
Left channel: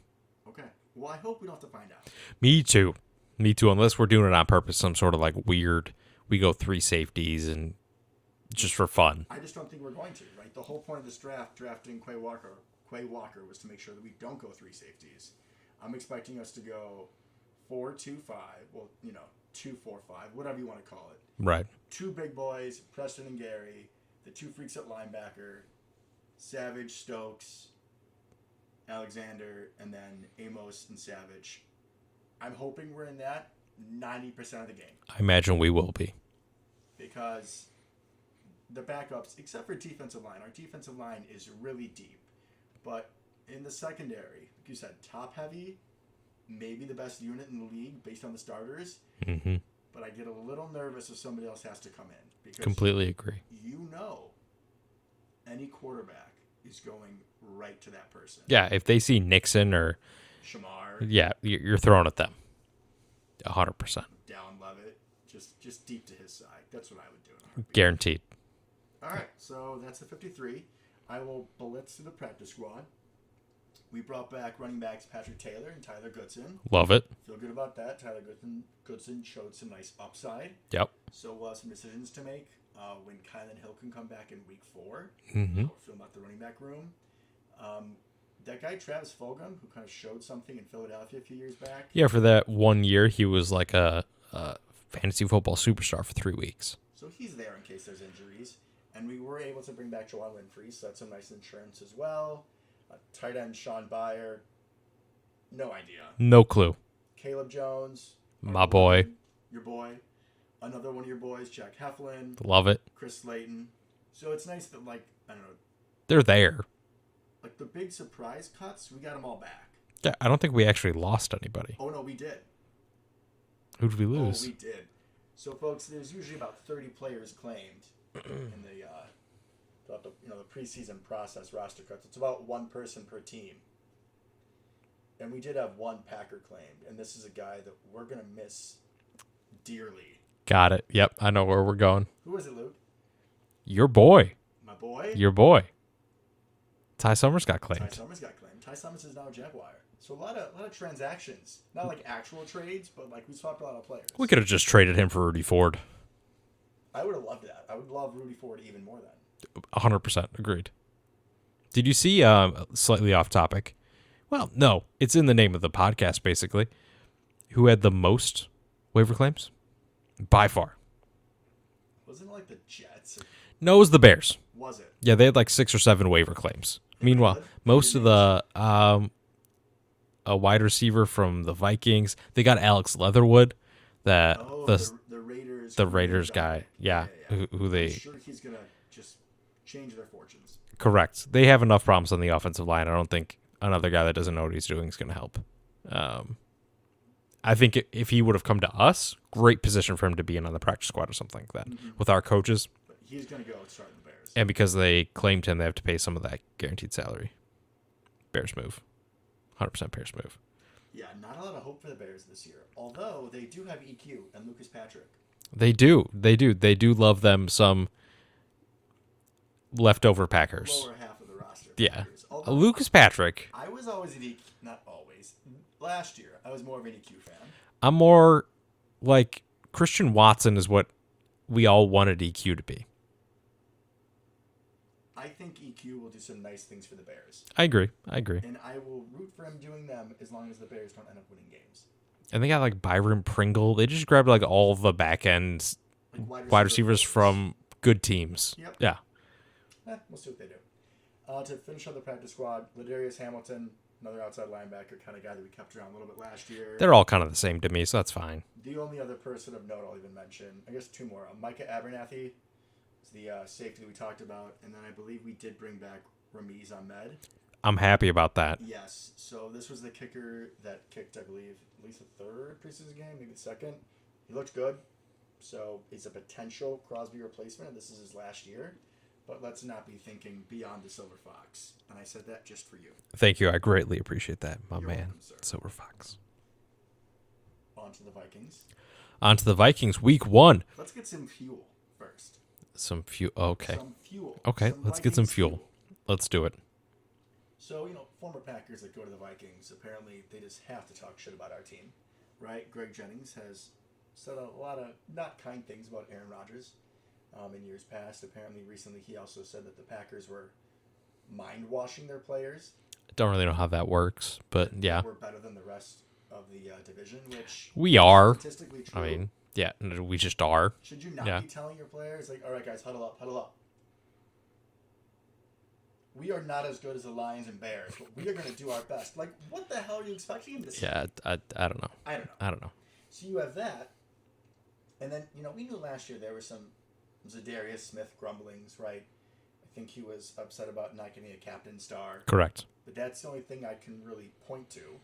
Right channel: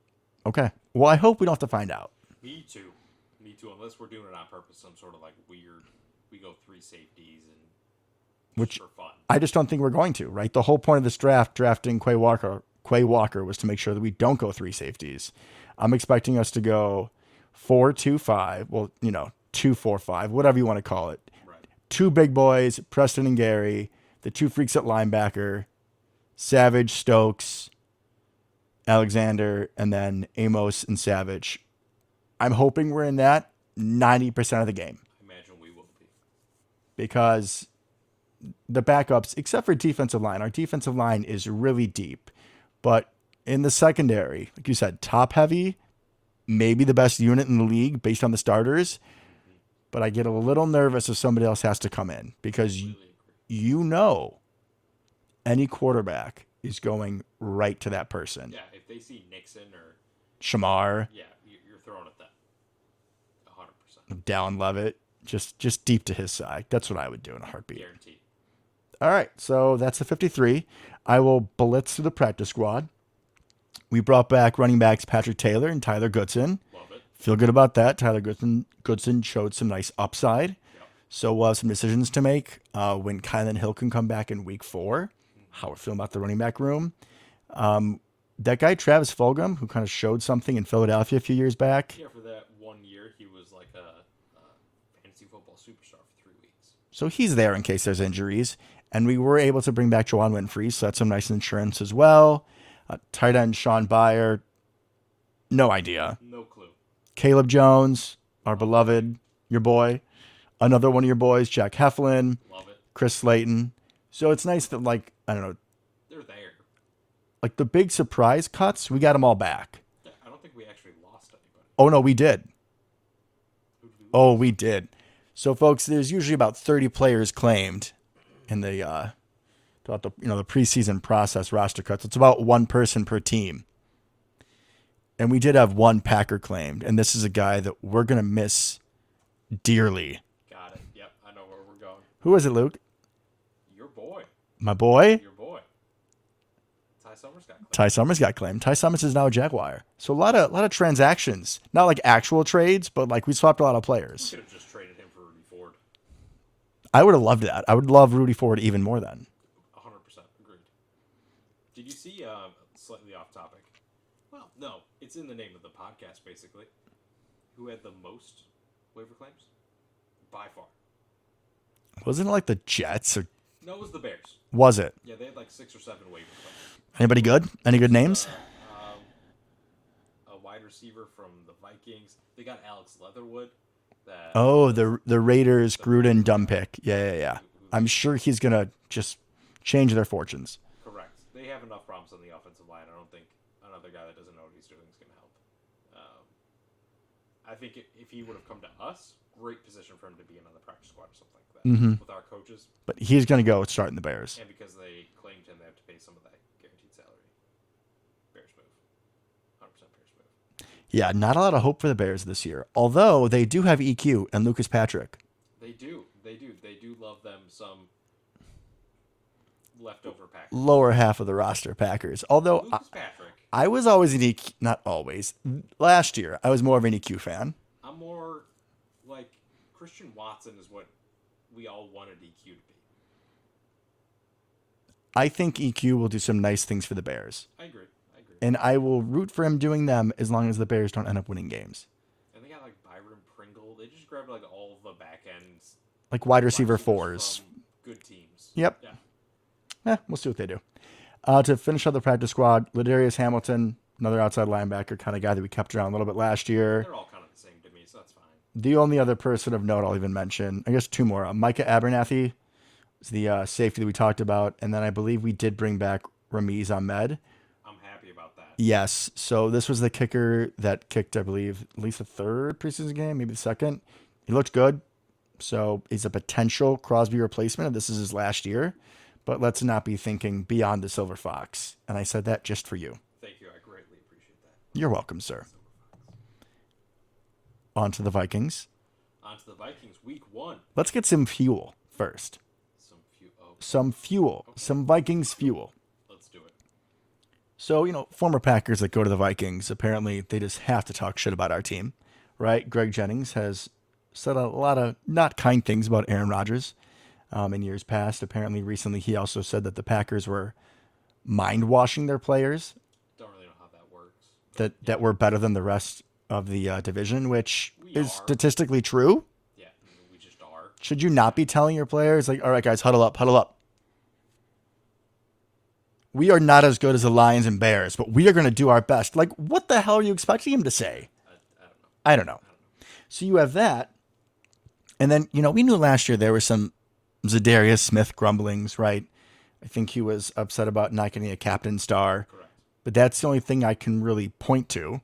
Okay. Well, I hope we don't have to find out. Me too. Unless we're doing it on purpose, some sort of weird, we go 3 safeties and just for fun. I just don't think we're going to, right? The whole point of this drafting Quay Walker was to make sure that we don't go 3 safeties. I'm expecting us to go 4-2-5. Well, 2-4-5, whatever you want to call it. Right. 2 big boys, Preston and Gary, the 2 freaks at linebacker, Savage, Stokes, Alexander, and then Amos and Savage. I'm hoping we're in that 90% of the game. I imagine we will be. Because the backups, except for defensive line, our defensive line is really deep. But in the secondary, like you said, top heavy, maybe the best unit in the league based on the starters. Mm-hmm. But I get a little nervous if somebody else has to come in because Completely agree. Any quarterback is going right to that person. Yeah, if they see Nixon or Shamar, yeah, you're throwing at them. 100%. Dallin Levitt, just deep to his side. That's what I would do in a heartbeat. Guaranteed. All right, so that's the 53. I will blitz through the practice squad. We brought back running backs Patrick Taylor and Tyler Goodson. Love it. Feel good about that. Tyler Goodson showed some nice upside. Yep. So we'll have some decisions to make when Kylan Hill can come back in week 4. Mm-hmm. How we're feeling about the running back room. That guy, Travis Fulgham, who kind of showed something in Philadelphia a few years back. Yeah, for that 1 year, he was like a fantasy football superstar for 3 weeks. So he's there in case there's injuries. And we were able to bring back Juwan Winfrey, so that's some nice insurance as well. Tight end Sean Byer, no idea. No clue. Caleb Jones, our My beloved, boy. your boy. Another one of your boys, Jack Heflin, Love it. Chris Slayton. So it's nice that, like, I don't know, They're there. like the big surprise cuts, we got them all back. Yeah, I don't think we actually lost anybody. Oh, no, we did. Who did we lose? Oh, we did. So, folks, there's usually about 30 players claimed in the throughout the the preseason process roster cuts. It's about one person per team, and we did have one Packer claimed, and this is a guy that we're gonna miss dearly. Got it. Yep, I know where we're going. Who is it, Luke? Your boy. My boy. Your boy. Ty Summers got claimed. Ty Summers got claimed. Ty Summers is now a Jaguar. So a lot of transactions, not like actual trades, but like we swapped a lot of players. We could have just traded him for Rudy Ford. I would have loved that. I would love Rudy Ford even more then. 100% agreed. Did you see, slightly off topic? Well, no, it's in the name of the podcast, basically. Who had the most waiver claims? By far. Wasn't it like the Jets? Or No, it was the Bears. was it? Yeah, they had like 6 or 7 waiver claims. Anybody Meanwhile, good? Any good most names? of a wide receiver from the Vikings. They got Alex Leatherwood. The Raiders, the Gruden Raiders dumb guy. pick. Yeah. Who I'm sure he's going to just change their fortunes. Correct. They have enough problems on the offensive line. I don't think another guy that doesn't know what he's doing is going to help. I think if he would have come to us, great position for him to be in on the practice squad or something like that with our coaches. But he's going to go starting the Bears. And because they claimed him, they have to pay some of that guaranteed salary. Bears move. 100% Bears move. Yeah, not a lot of hope for the Bears this year. Although they do have EQ and Lucas Patrick. They do. They do love them some leftover Packers. Lower half of the roster Packers. Yeah. Although Lucas Patrick. I was always an EQ, not always. Last year, I was more of an EQ fan. I'm more like Christian Watson is what we all wanted EQ to be. I think EQ will do some nice things for the Bears. I agree. And I will root for him doing them as long as the Bears don't end up winning games. And they got like Byron Pringle. They just grabbed like all the back ends, Like wide receivers fours. from good teams. Yep. Yeah. We'll see what they do. To finish up the practice squad, Ladarius Hamilton, another outside linebacker kind of guy that we kept around a little bit last year. They're all kind of the same to me, so that's fine. The only other person of note I'll even mention, I guess 2 more. Micah Abernathy is the safety that we talked about. And then I believe we did bring back Ramiz Ahmed. I'm happy about that. Yes. So this was the kicker that kicked, I believe, at least the 3rd preseason game, maybe the 2nd. He looked good. So he's a potential Crosby replacement, and this is his last year. But let's not be thinking beyond the Silver Fox. And I said that just for you. Thank you. I greatly appreciate that. You're welcome, sir. Silver Fox. On to the Vikings. On to the Vikings, week 1. Let's get some fuel first. Some fuel. Okay. Some fuel. Okay. Some let's get Vikings some fuel. Let's do it. So, former Packers that go to the Vikings, apparently they just have to talk shit about our team, right? Greg Jennings has said a lot of not kind things about Aaron Rodgers in years past. Apparently, recently he also said that the Packers were mind-washing their players. Don't really know how that works, but that we're better than the rest of the division, which we is are statistically true. I mean, yeah, we just are. Should you not be telling your players, like, all right, guys, huddle up, huddle up? We are not as good as the Lions and Bears, but we are going to do our best. Like, what the hell are you expecting him to say? Yeah, I don't know. I don't know. I don't know. So you have that. And then, we knew last year there were some Zadarius Smith grumblings, right? I think he was upset about not getting a captain star, Correct. but that's the only thing I can really point to.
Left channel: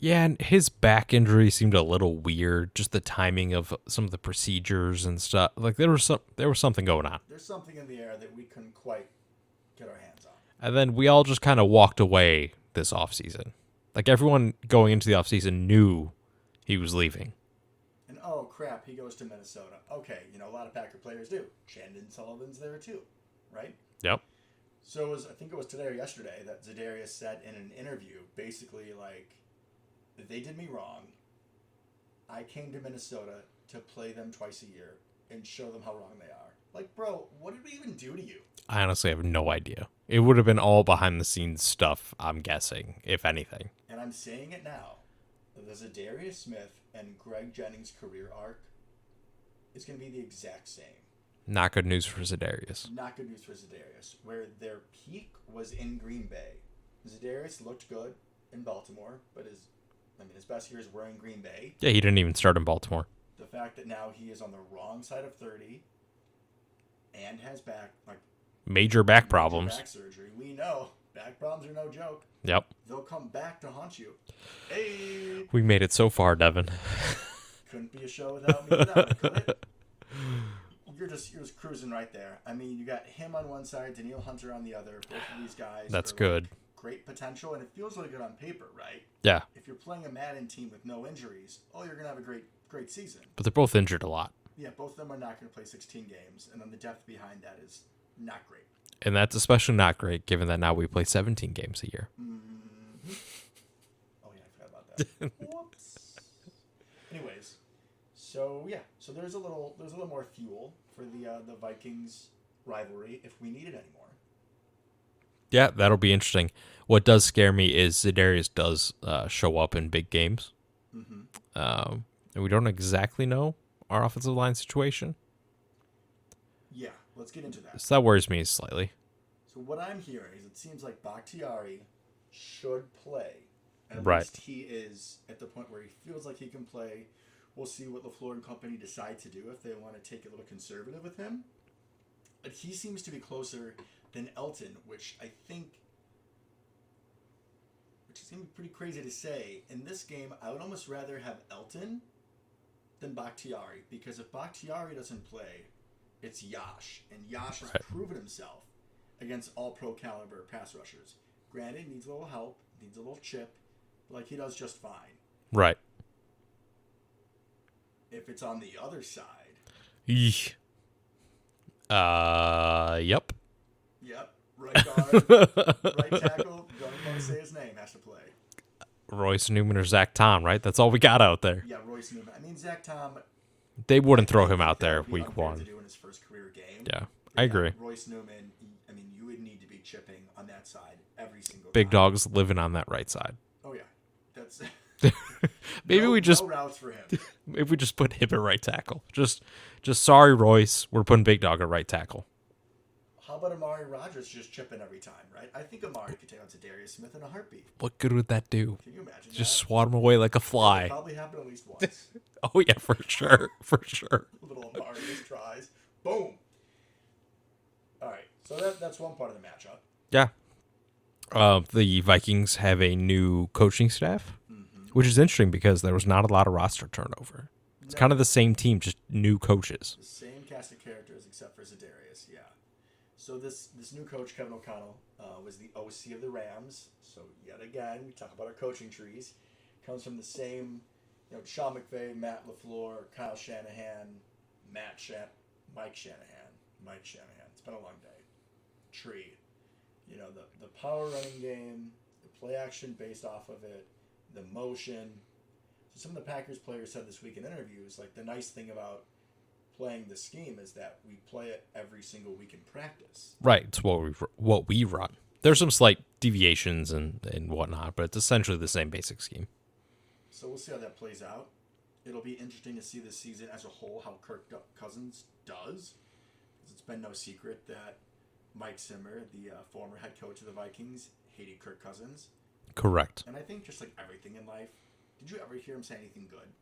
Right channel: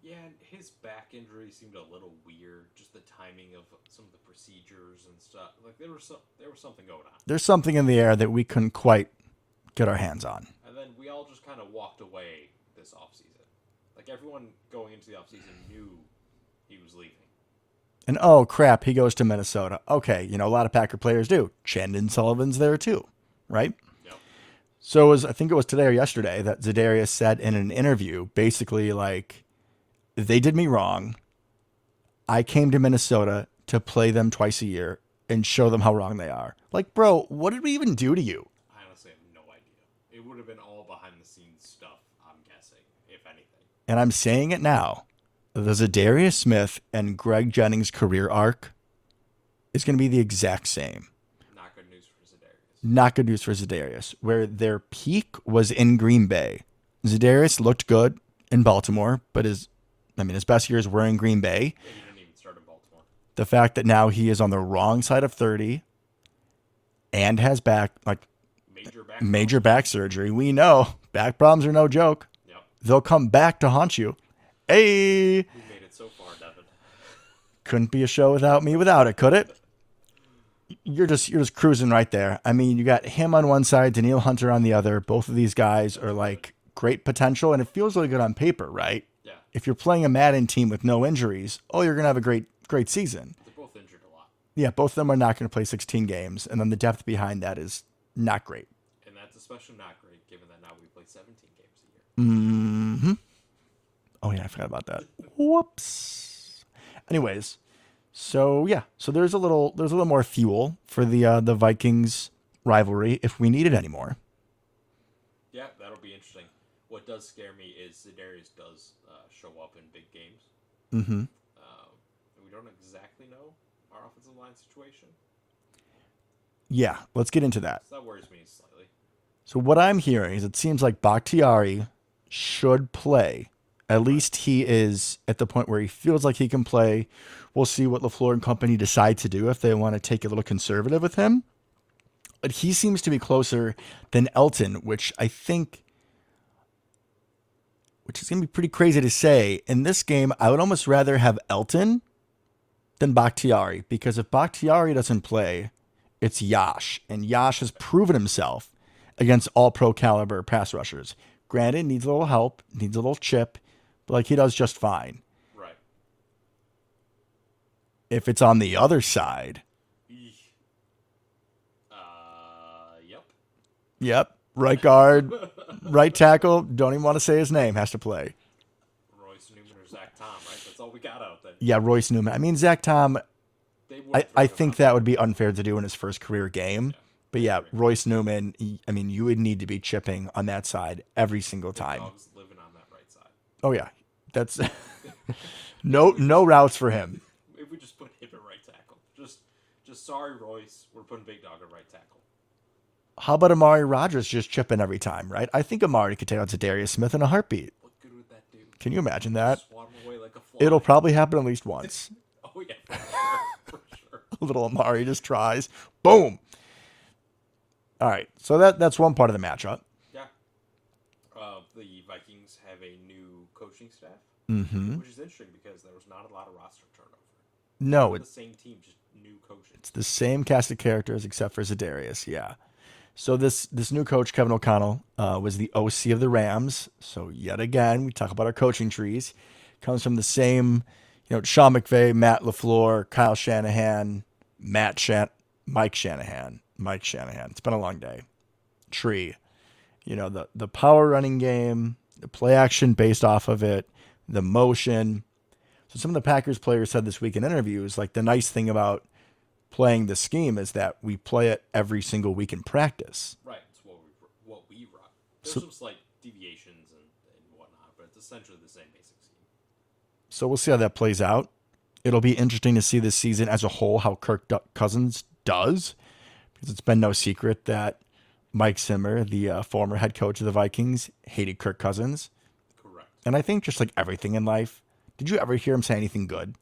Yeah, and his back injury seemed a little weird. Just the timing of some of the procedures and stuff. Like there was something going on. There's something in the air that we couldn't quite get our hands on. And then we all just kind of walked away this offseason. Like everyone going into the offseason knew he was leaving. And oh crap, he goes to Minnesota. Okay, a lot of Packer players do. Chandon Sullivan's there too, right? Yep. So I think it was today or yesterday that Zadarius said in an interview, basically like, they did me wrong. I came to Minnesota to play them twice a year and show them how wrong they are. Like, bro, what did we even do to you? I honestly have no idea. It would have been all behind the scenes stuff, I'm guessing, if anything. And I'm saying it now. The Zadarius Smith and Greg Jennings career arc is going to be the exact same. Not good news for Zadarius. Not good news for Zadarius, where their peak was in Green Bay. Zadarius looked good in Baltimore, but his best years were in Green Bay. Yeah, he didn't even start in Baltimore. The fact that now he is on the wrong side of 30 and has major back surgery. We know back problems are no joke. Yep. They'll come back to haunt you. Hey, we made it so far, Devin. Couldn't be a show without me without it, could it? You're just cruising right there. I mean, you got him on one side, Danielle Hunter on the other. Both of these guys are good. Great potential, and it feels really good on paper, right? Yeah. If you're playing a Madden team with no injuries, you're gonna have a great season. But they're both injured a lot. Yeah, both of them are not going to play 16 games, and then the depth behind that is not great. And that's especially not great, given that now we play 17 games a year. Mm-hmm. Oh yeah, I forgot about that. Whoops. Anyways, so there's a little more fuel for the Vikings rivalry if we need it anymore. Yeah, that'll be interesting. What does scare me is Zadarius does show up in big games. Mm-hmm. And we don't exactly know our offensive line situation. Yeah, let's get into that. So that worries me slightly. So what I'm hearing is it seems like Bakhtiari should play. At least he is at the point where he feels like he can play. We'll see what LaFleur and company decide to do if they want to take a little conservative with him. But he seems to be closer than Elton, which is going to be pretty crazy to say. In this game, I would almost rather have Elton than Bakhtiari, because if Bakhtiari doesn't play, it's Yash. And Yash has proven himself against all pro caliber pass rushers. Granted, needs a little help, needs a little chip, but he does just fine. Right. If it's on the other side. Yep. Yep. Right guard, right tackle, don't even want to say his name, has to play. Royce Newman or Zach Tom, right? That's all we got out there. Yeah, Royce Newman. I mean, Zach Tom, they wouldn't throw him out there. I think that would be unfair to do in his first career game. Yeah. But I agree. Royce Newman, you would need to be chipping on that side every single time. Big dog's living on that right side. Oh, yeah. That's no routes for him. If we just put him at right tackle. Just sorry, Royce. We're putting Big Dog at right tackle. How about Amari Rodgers just chipping every time, right? I think Amari could take out Zadarius Smith in a heartbeat. What good would that do? Can you imagine that? Just swat him away like a fly. It'll probably happen at least once. Oh, yeah, for sure. For sure. Little Amari just tries. Boom. All right. So that's one part of the matchup. Yeah. The Vikings have a new coaching staff, which is interesting because there was not a lot of roster turnover. It's kind of the same team, just new coaches. The same cast of characters except for Zadarius, yeah. So this new coach, Kevin O'Connell, was the OC of the Rams. So yet again, we talk about our coaching trees. Comes from the same, Sean McVay, Matt LaFleur, Kyle Shanahan, Mike Shanahan. It's been a long day. Tree. The power running game, the play action based off of it, the motion. So some of the Packers players said this week in interviews, the nice thing about playing the scheme is that we play it every single week in practice. Right. It's what we run. There's some slight deviations and whatnot, but it's essentially the same basic scheme. So we'll see how that plays out. It'll be interesting to see this season as a whole how Kirk Cousins does, because it's been no secret that Mike Zimmer, the former head coach of the Vikings, hated Kirk Cousins. Correct. And I think just like everything in life, did you ever hear him say anything good?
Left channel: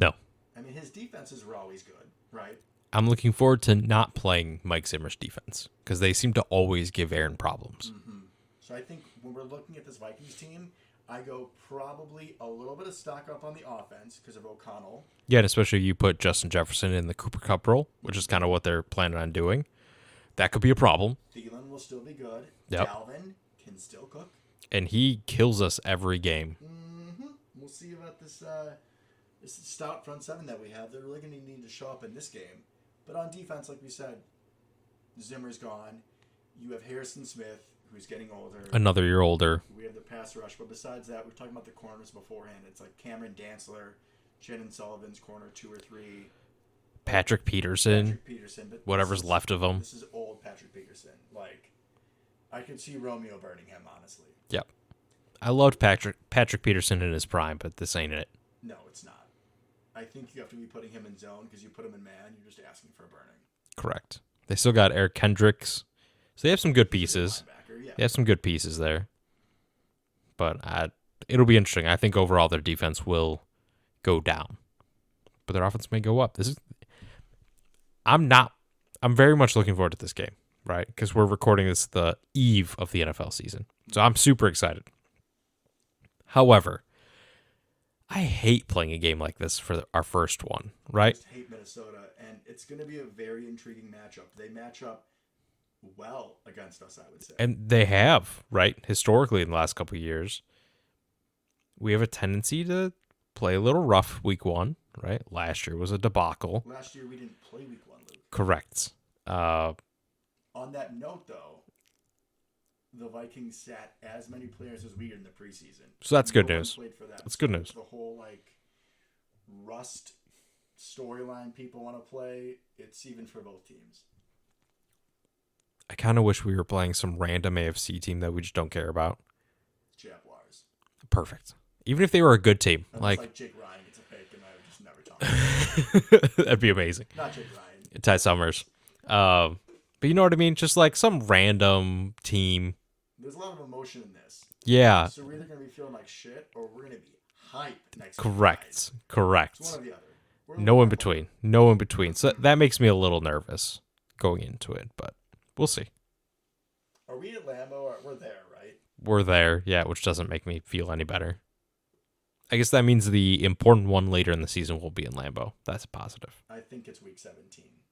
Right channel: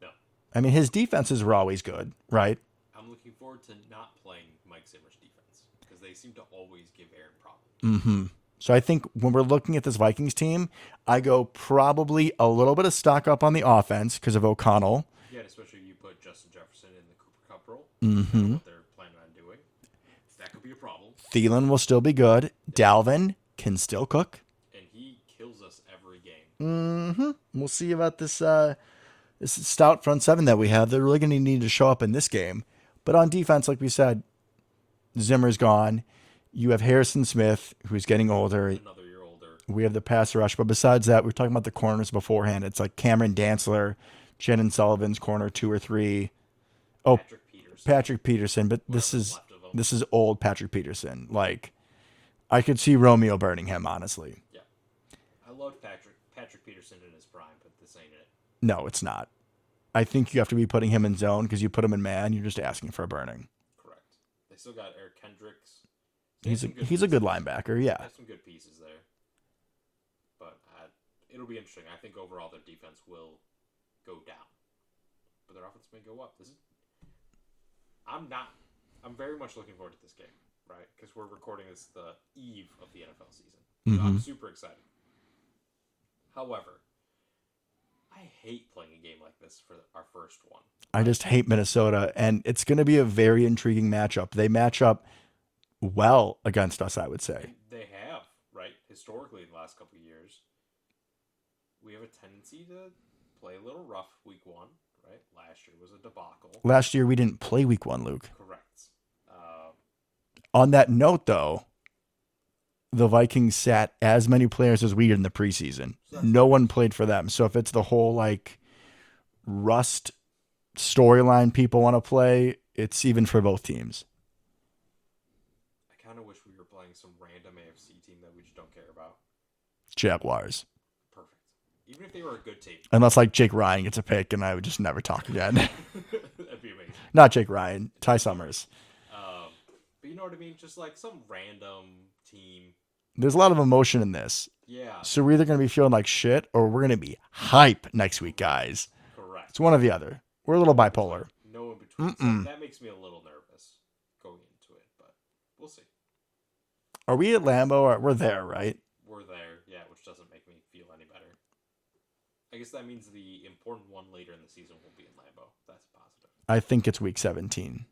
No. I mean, his defenses were always good, right? I'm looking forward to not playing Mike Zimmer's defense because they seem to always give Aaron problems. So I think when we're looking at this Vikings team, I go probably a little bit of stock up on the offense because of O'Connell. Yeah, and especially you put Justin Jefferson in the Cooper Cup role, which is kind of what they're planning on doing. That could be a problem. Thielen will still be good. Yep. Dalvin can still cook. And he kills us every game. We'll see about this this stout front seven that we have. They're really going to need to show up in this game. But on defense, like we said, Zimmer's gone. You have Harrison Smith, who's getting older. Another year older. We have the pass rush. But besides that, we were talking about the corners beforehand. It's like Cameron Dantzler, Shannon Sullivan's corner 2 or 3. Patrick Peterson. But whatever's left of him. This is old Patrick Peterson. Like, I could see Romeo burning him, honestly. Yep. I loved Patrick Peterson in his prime, but this ain't it. No, it's not. I think you have to be putting him in zone because you put him in man, you're just asking for a burning. Correct. They still got Eric Kendricks. So they have some good pieces. He's a good linebacker, yeah. They have some good pieces there. But it'll be interesting. I think overall their defense will go down. But their offense may go up. I'm very much looking forward to this game, right? Because we're recording this the eve of the NFL season. So I'm super excited. However, I hate playing a game like this for our first one, right? I just hate Minnesota, and it's going to be a very intriguing matchup. They match up well against us, I would say. And they have, right? Historically, in the last couple of years, we have a tendency to play a little rough week one, right? Last year was a debacle. Last year, we didn't play week one, Luke. Correct. On that note, though, the Vikings sat as many players as we did in the preseason. So that's no good one news. played for them. So if it's the whole like rust storyline people want to play, it's even for both teams. I kind of wish we were playing some random AFC team that we just don't care about. Jaguars. Perfect. Even if they were a good team. Unless like Jake Ryan gets a pick and I would just never talk again. That'd be amazing. Not Jake Ryan. Ty Summers. But you know what I mean? Just like some random team. There's a lot of emotion in this. Yeah. So we're either going to be feeling like shit or we're going to be hype next week, guys. Correct. It's one or the other. We're a little bipolar. In between. No in between. So that makes me a little nervous going into it, but we'll see. Are we at Lambeau? We're there, right? We're there, yeah, which doesn't make me feel any better. I guess that means the important one later in the season will be in Lambeau. That's a positive. I think it's week 17.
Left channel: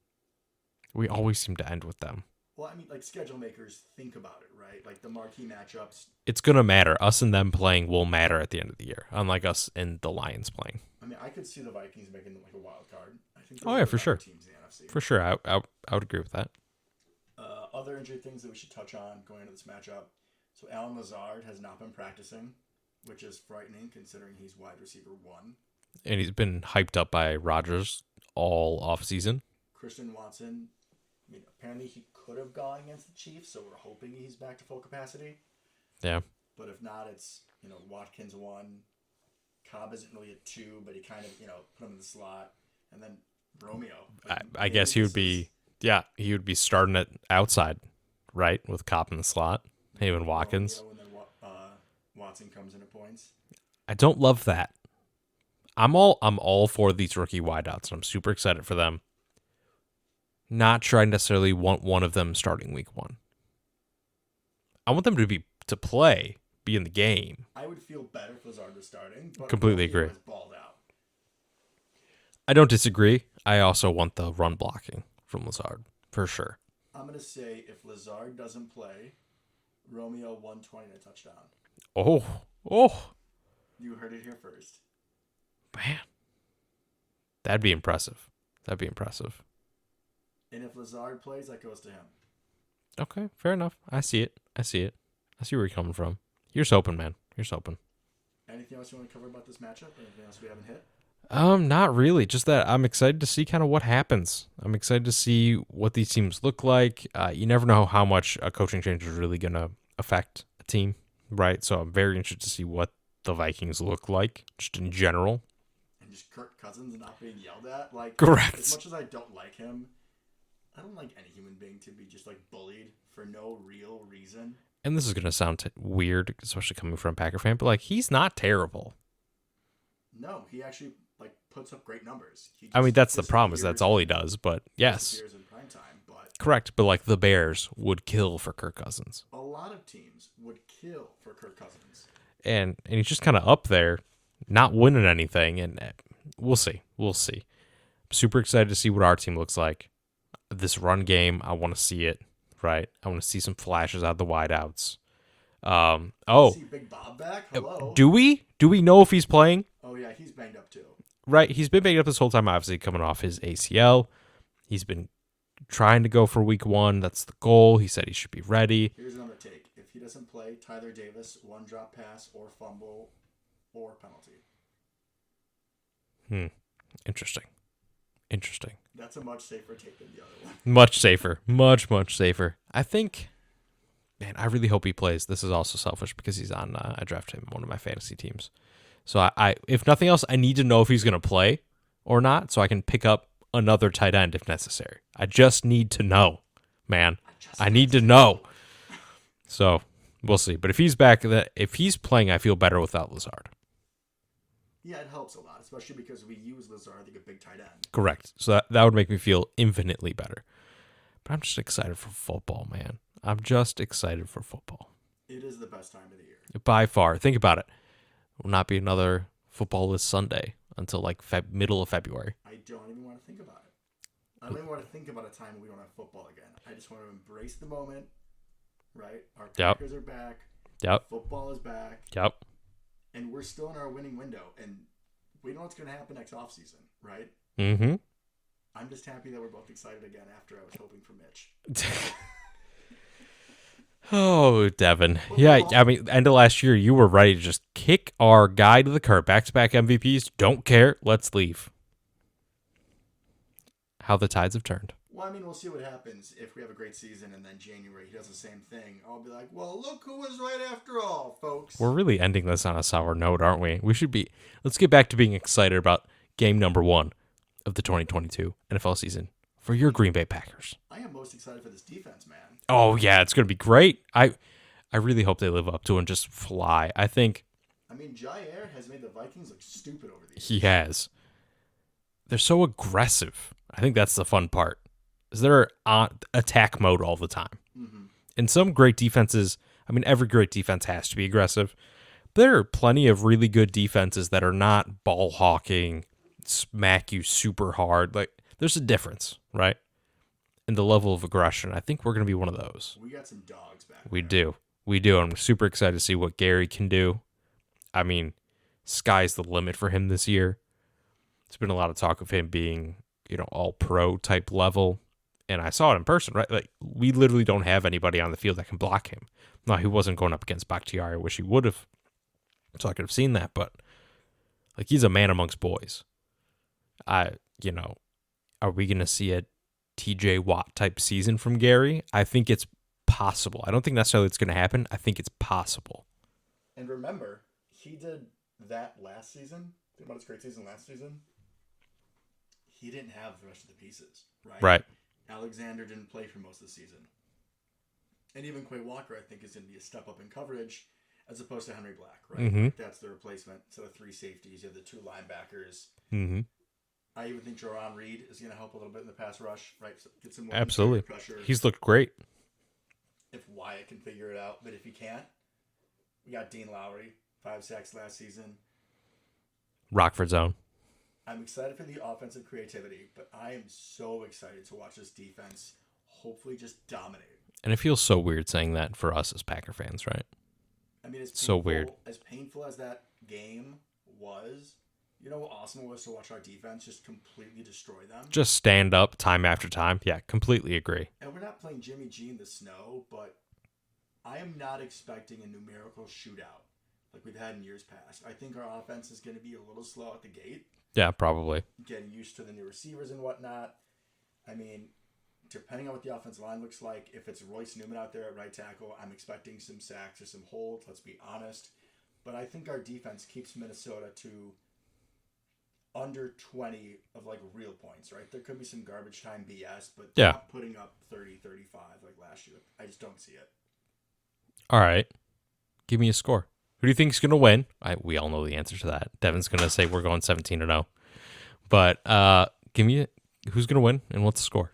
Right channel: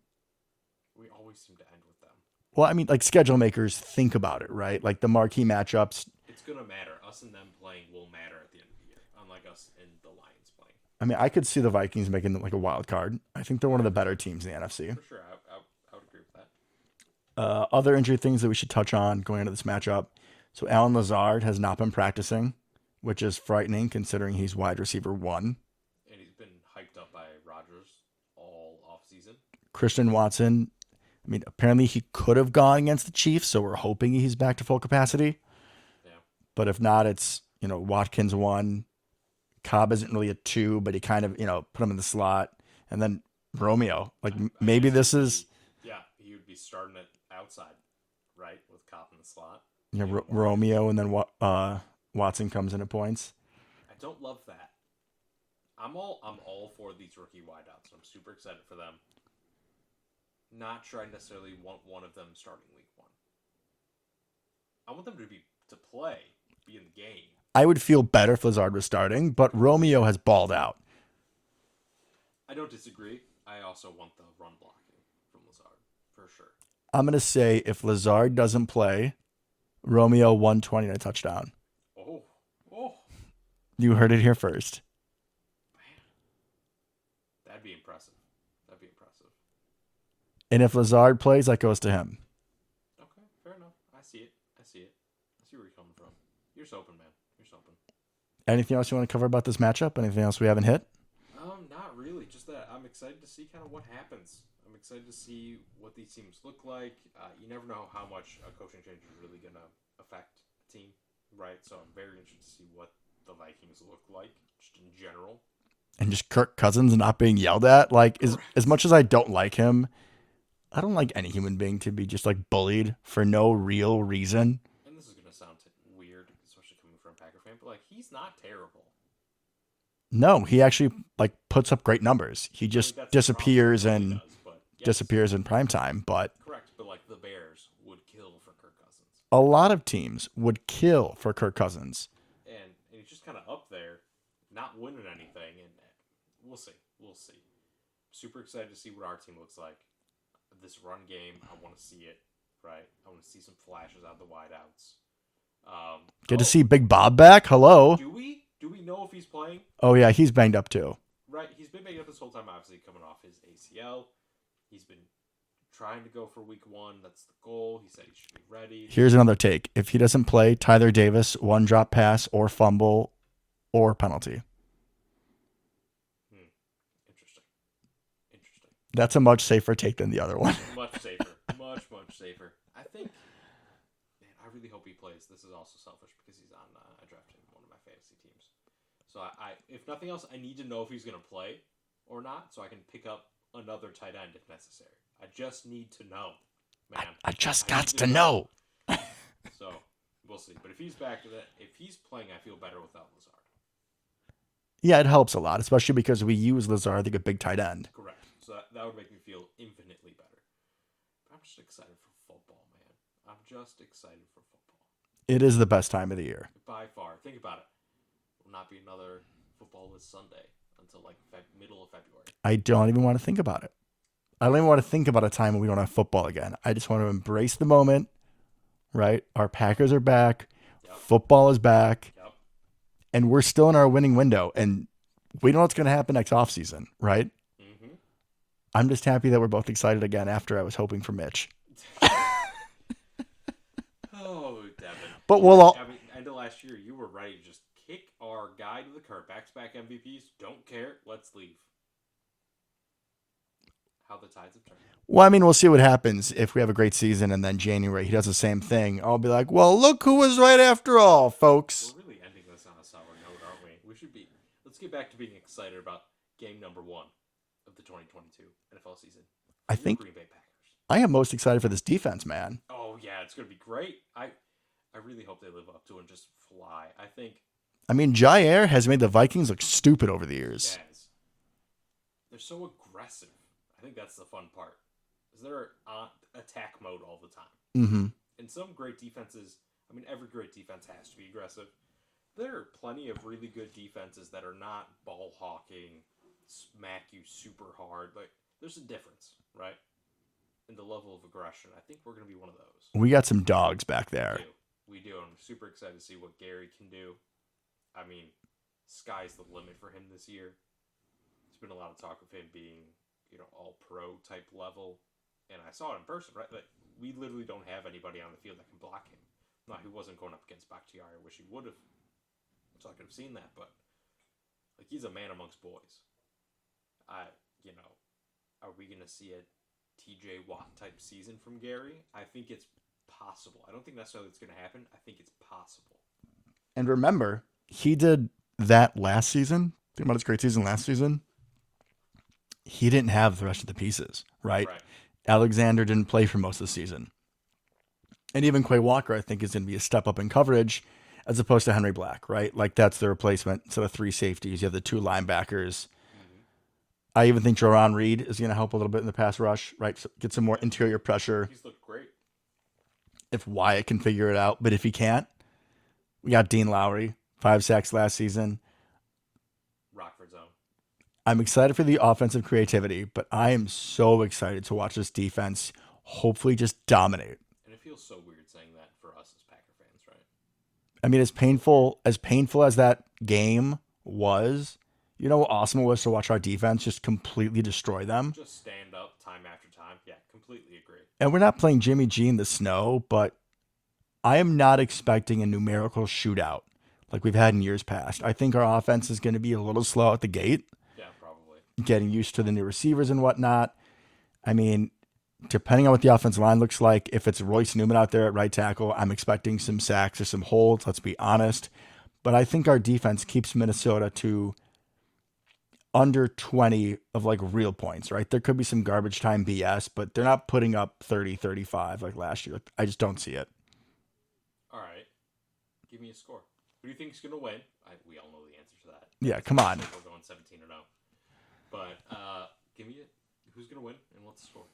We always seem to end with them. Well, I mean, like schedule makers think about it, right? Like the marquee matchups. It's going to matter. Us and them playing will matter at the end of the year, unlike us and the Lions playing. I mean, I could see the Vikings making like a wild card. I think they're one of the better teams in the NFC. For sure. I would agree with that. Other injury things that we should touch on going into this matchup. So Alan Lazard has not been practicing, which is frightening considering he's wide receiver 1. And he's been hyped up by Rodgers all offseason. Christian Watson, I mean, apparently he could have gone against the Chiefs, so we're hoping he's back to full capacity. Yeah. But if not, it's, Watkins 1. Cobb isn't really a 2, but he kind of, put him in the slot. And then Romeo. Like I maybe guess this is... Yeah, he would be starting it outside, right, with Cobb in the slot. Romeo, and then Watson comes in at points. I don't love that. I'm all for these rookie wideouts, and I'm super excited for them. Not sure I necessarily want one of them starting week 1. I want them to play, be in the game. I would feel better if Lazard was starting, but Completely Romeo agree. has balled out. I don't disagree. I also want the run blocking from Lazard, for sure. I'm going to say if Lazard doesn't play, Romeo 120 and a touchdown. Oh. You heard it here first. Man. That'd be impressive. And if Lazard plays, that goes to him. Okay, fair enough. I see it. I see where you're coming from. Here's hoping, man. Here's hoping. Anything else you want to cover about this matchup? Anything else we haven't hit? Not really. Just that I'm excited to see kind of what happens. I'm excited to see what these teams look like. You never know how much a coaching change is really going to affect a team, right? So I'm very interested to see what the Vikings look like, just in general. And just Kirk Cousins not being yelled at. Like, correct. As much as I don't like him, I don't like any human being to be just like bullied for no real reason. And this is going to sound weird, especially coming from a Packer fan, but like he's not terrible. No, he actually like puts up great numbers. He I just mean, that's the problem. disappears. That's all he and does. But yes, disappears in prime time. But correct. But like the Bears would kill for Kirk Cousins, a lot of teams would kill for Kirk Cousins. and he's just kind of up there, not winning anything. And we'll see. We'll see. I'm super excited to see what our team looks like. This run game, I want to see it. Right, I want to see some flashes out of the wideouts. Good to see Big Bob back. Hello. Do we know if he's playing? Oh yeah, he's banged up too. Right, he's been banged up this whole time. Obviously, coming off his ACL, he's been trying to go for week 1. That's the goal. He said he should be ready. Here's another take. If he doesn't play, Tyler Davis, 1 drop pass or fumble or penalty. Interesting. That's a much safer take than the other one. Much safer. much safer. I think, man, I really hope he plays. This is also selfish because he's on. I drafted him on one of my fantasy teams. So I if nothing else, I need to know if he's going to play or not, so I can pick up another tight end if necessary. I just need to know, man. I need to know. So we'll see. But if he's back, if he's playing, I feel better without Lazard. Yeah, it helps a lot, especially because we use Lazard like a big tight end. Correct. So that would make me feel infinitely better. But I'm just excited for football, man. I'm just excited for football. It is the best time of the year. By far. Think about it. Will not be another footballless Sunday until like middle of February. I don't even want to think about it. I don't even want to think about a time when we don't have football again. I just want to embrace the moment, right? Our Packers are back. Yep. Football is back. Yep. And we're still in our winning window. And we know what's going to happen next offseason, right? Mm-hmm. I'm just happy that we're both excited again after I was hoping for Mitch. Oh, Devin. But yeah, I mean, end of last year, you were ready to just kick our guy to the curb. Back-to-back MVPs. Don't care. Let's leave. How the tides have turned. Well, I mean, we'll see what happens if we have a great season and then January he does the same thing. I'll be like, well, look who was right after all, folks. We're really ending this on a sour note, aren't we? Let's get back to being excited about game number 1 of the 2022 NFL season for your Green Bay Packers. I am most excited for this defense, man. Oh, yeah, it's going to be great. I really hope they live up to it and just fly. I mean, Jair has made the Vikings look stupid over the years. He has. They're so aggressive. I think that's the fun part. Is they're on attack mode all the time. Mm-hmm. And some great defenses, I mean, every great defense has to be aggressive. But there are plenty of really good defenses that are not ball hawking, smack you super hard. Like, there's a difference, right? In the level of aggression. I think we're going to be one of those. We got some dogs back there. We do. I'm super excited to see what Gary can do. I mean, sky's the limit for him this year. There's been a lot of talk of him being, all pro type level. And I saw it in person, right? Like, we literally don't have anybody on the field that can block him. Now, he wasn't going up against Bakhtiari. I wish he would have. So I could have seen that. But, like, he's a man amongst boys. Are we going to see a TJ Watt type season from Gary? I think it's possible. I don't think necessarily it's going to happen. I think it's possible. And remember, he did that last season. Think about his great season last season. He didn't have the rest of the pieces, right? Right. Alexander didn't play for most of the season. And even Quay Walker, I think, is going to be a step up in coverage as opposed to Henry Black, right? Mm-hmm. Like, that's the replacement. Instead of 3 safeties, you have the 2 linebackers. Mm-hmm. I even think Jaron Reed is going to help a little bit in the pass rush, right? So get some more interior pressure. He's looked great. If Wyatt can figure it out. But if he can't, we got Dean Lowry, 5 sacks last season. Rockford zone. I'm excited for the offensive creativity, but I am so excited to watch this defense hopefully just dominate. And it feels so weird saying that for us as Packer fans, right? I mean, as painful as that game was, how awesome it was to watch our defense just completely destroy them. Just stand up time after time. Yeah, completely agree. And we're not playing Jimmy G in the snow, but I am not expecting a numerical shootout like we've had in years past. I think our offense is going to be a little slow at the gate. Yeah, probably. Getting used to the new receivers and whatnot. I mean, depending on what the offensive line looks like, if it's Royce Newman out there at right tackle, I'm expecting some sacks or some holds, let's be honest. But I think our defense keeps Minnesota to under 20 of like real points, right? There could be some garbage time BS, but they're not putting up 30, 35 like last year. I just don't see it. All right. Give me a score. Who do you think is going to win? We all know the answer to that. Yeah, Devin's come going to on. say we're going 17-0. But give me who's going to win and what's the score?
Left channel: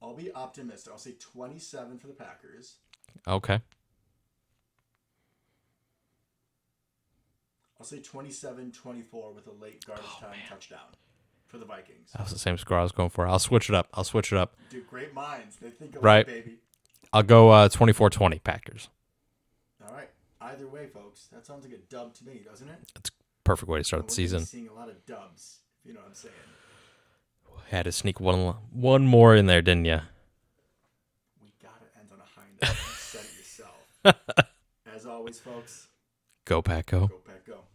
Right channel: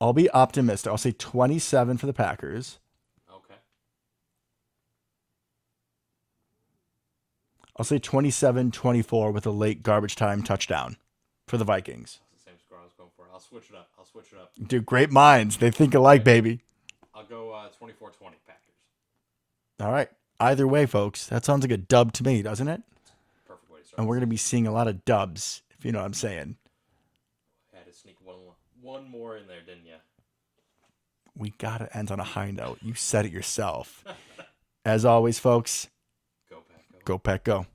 I'll be optimistic. I'll say 27 for the Packers. Okay. I'll say 27-24 with a late garbage time touchdown for the Vikings. That was the same score I was going for. I'll switch it up. Dude, great minds. They think alike, Right. baby. I'll go 24-20 Packers. All right. Either way, folks, that sounds like a dub to me, doesn't it? Perfect way to start And the we're going to season. be seeing a lot of dubs, if you know what I'm saying. Had to sneak one more in there, didn't you? We got to end on a high note. You said it yourself. As always, folks, Go Pack, go. go Pack, go.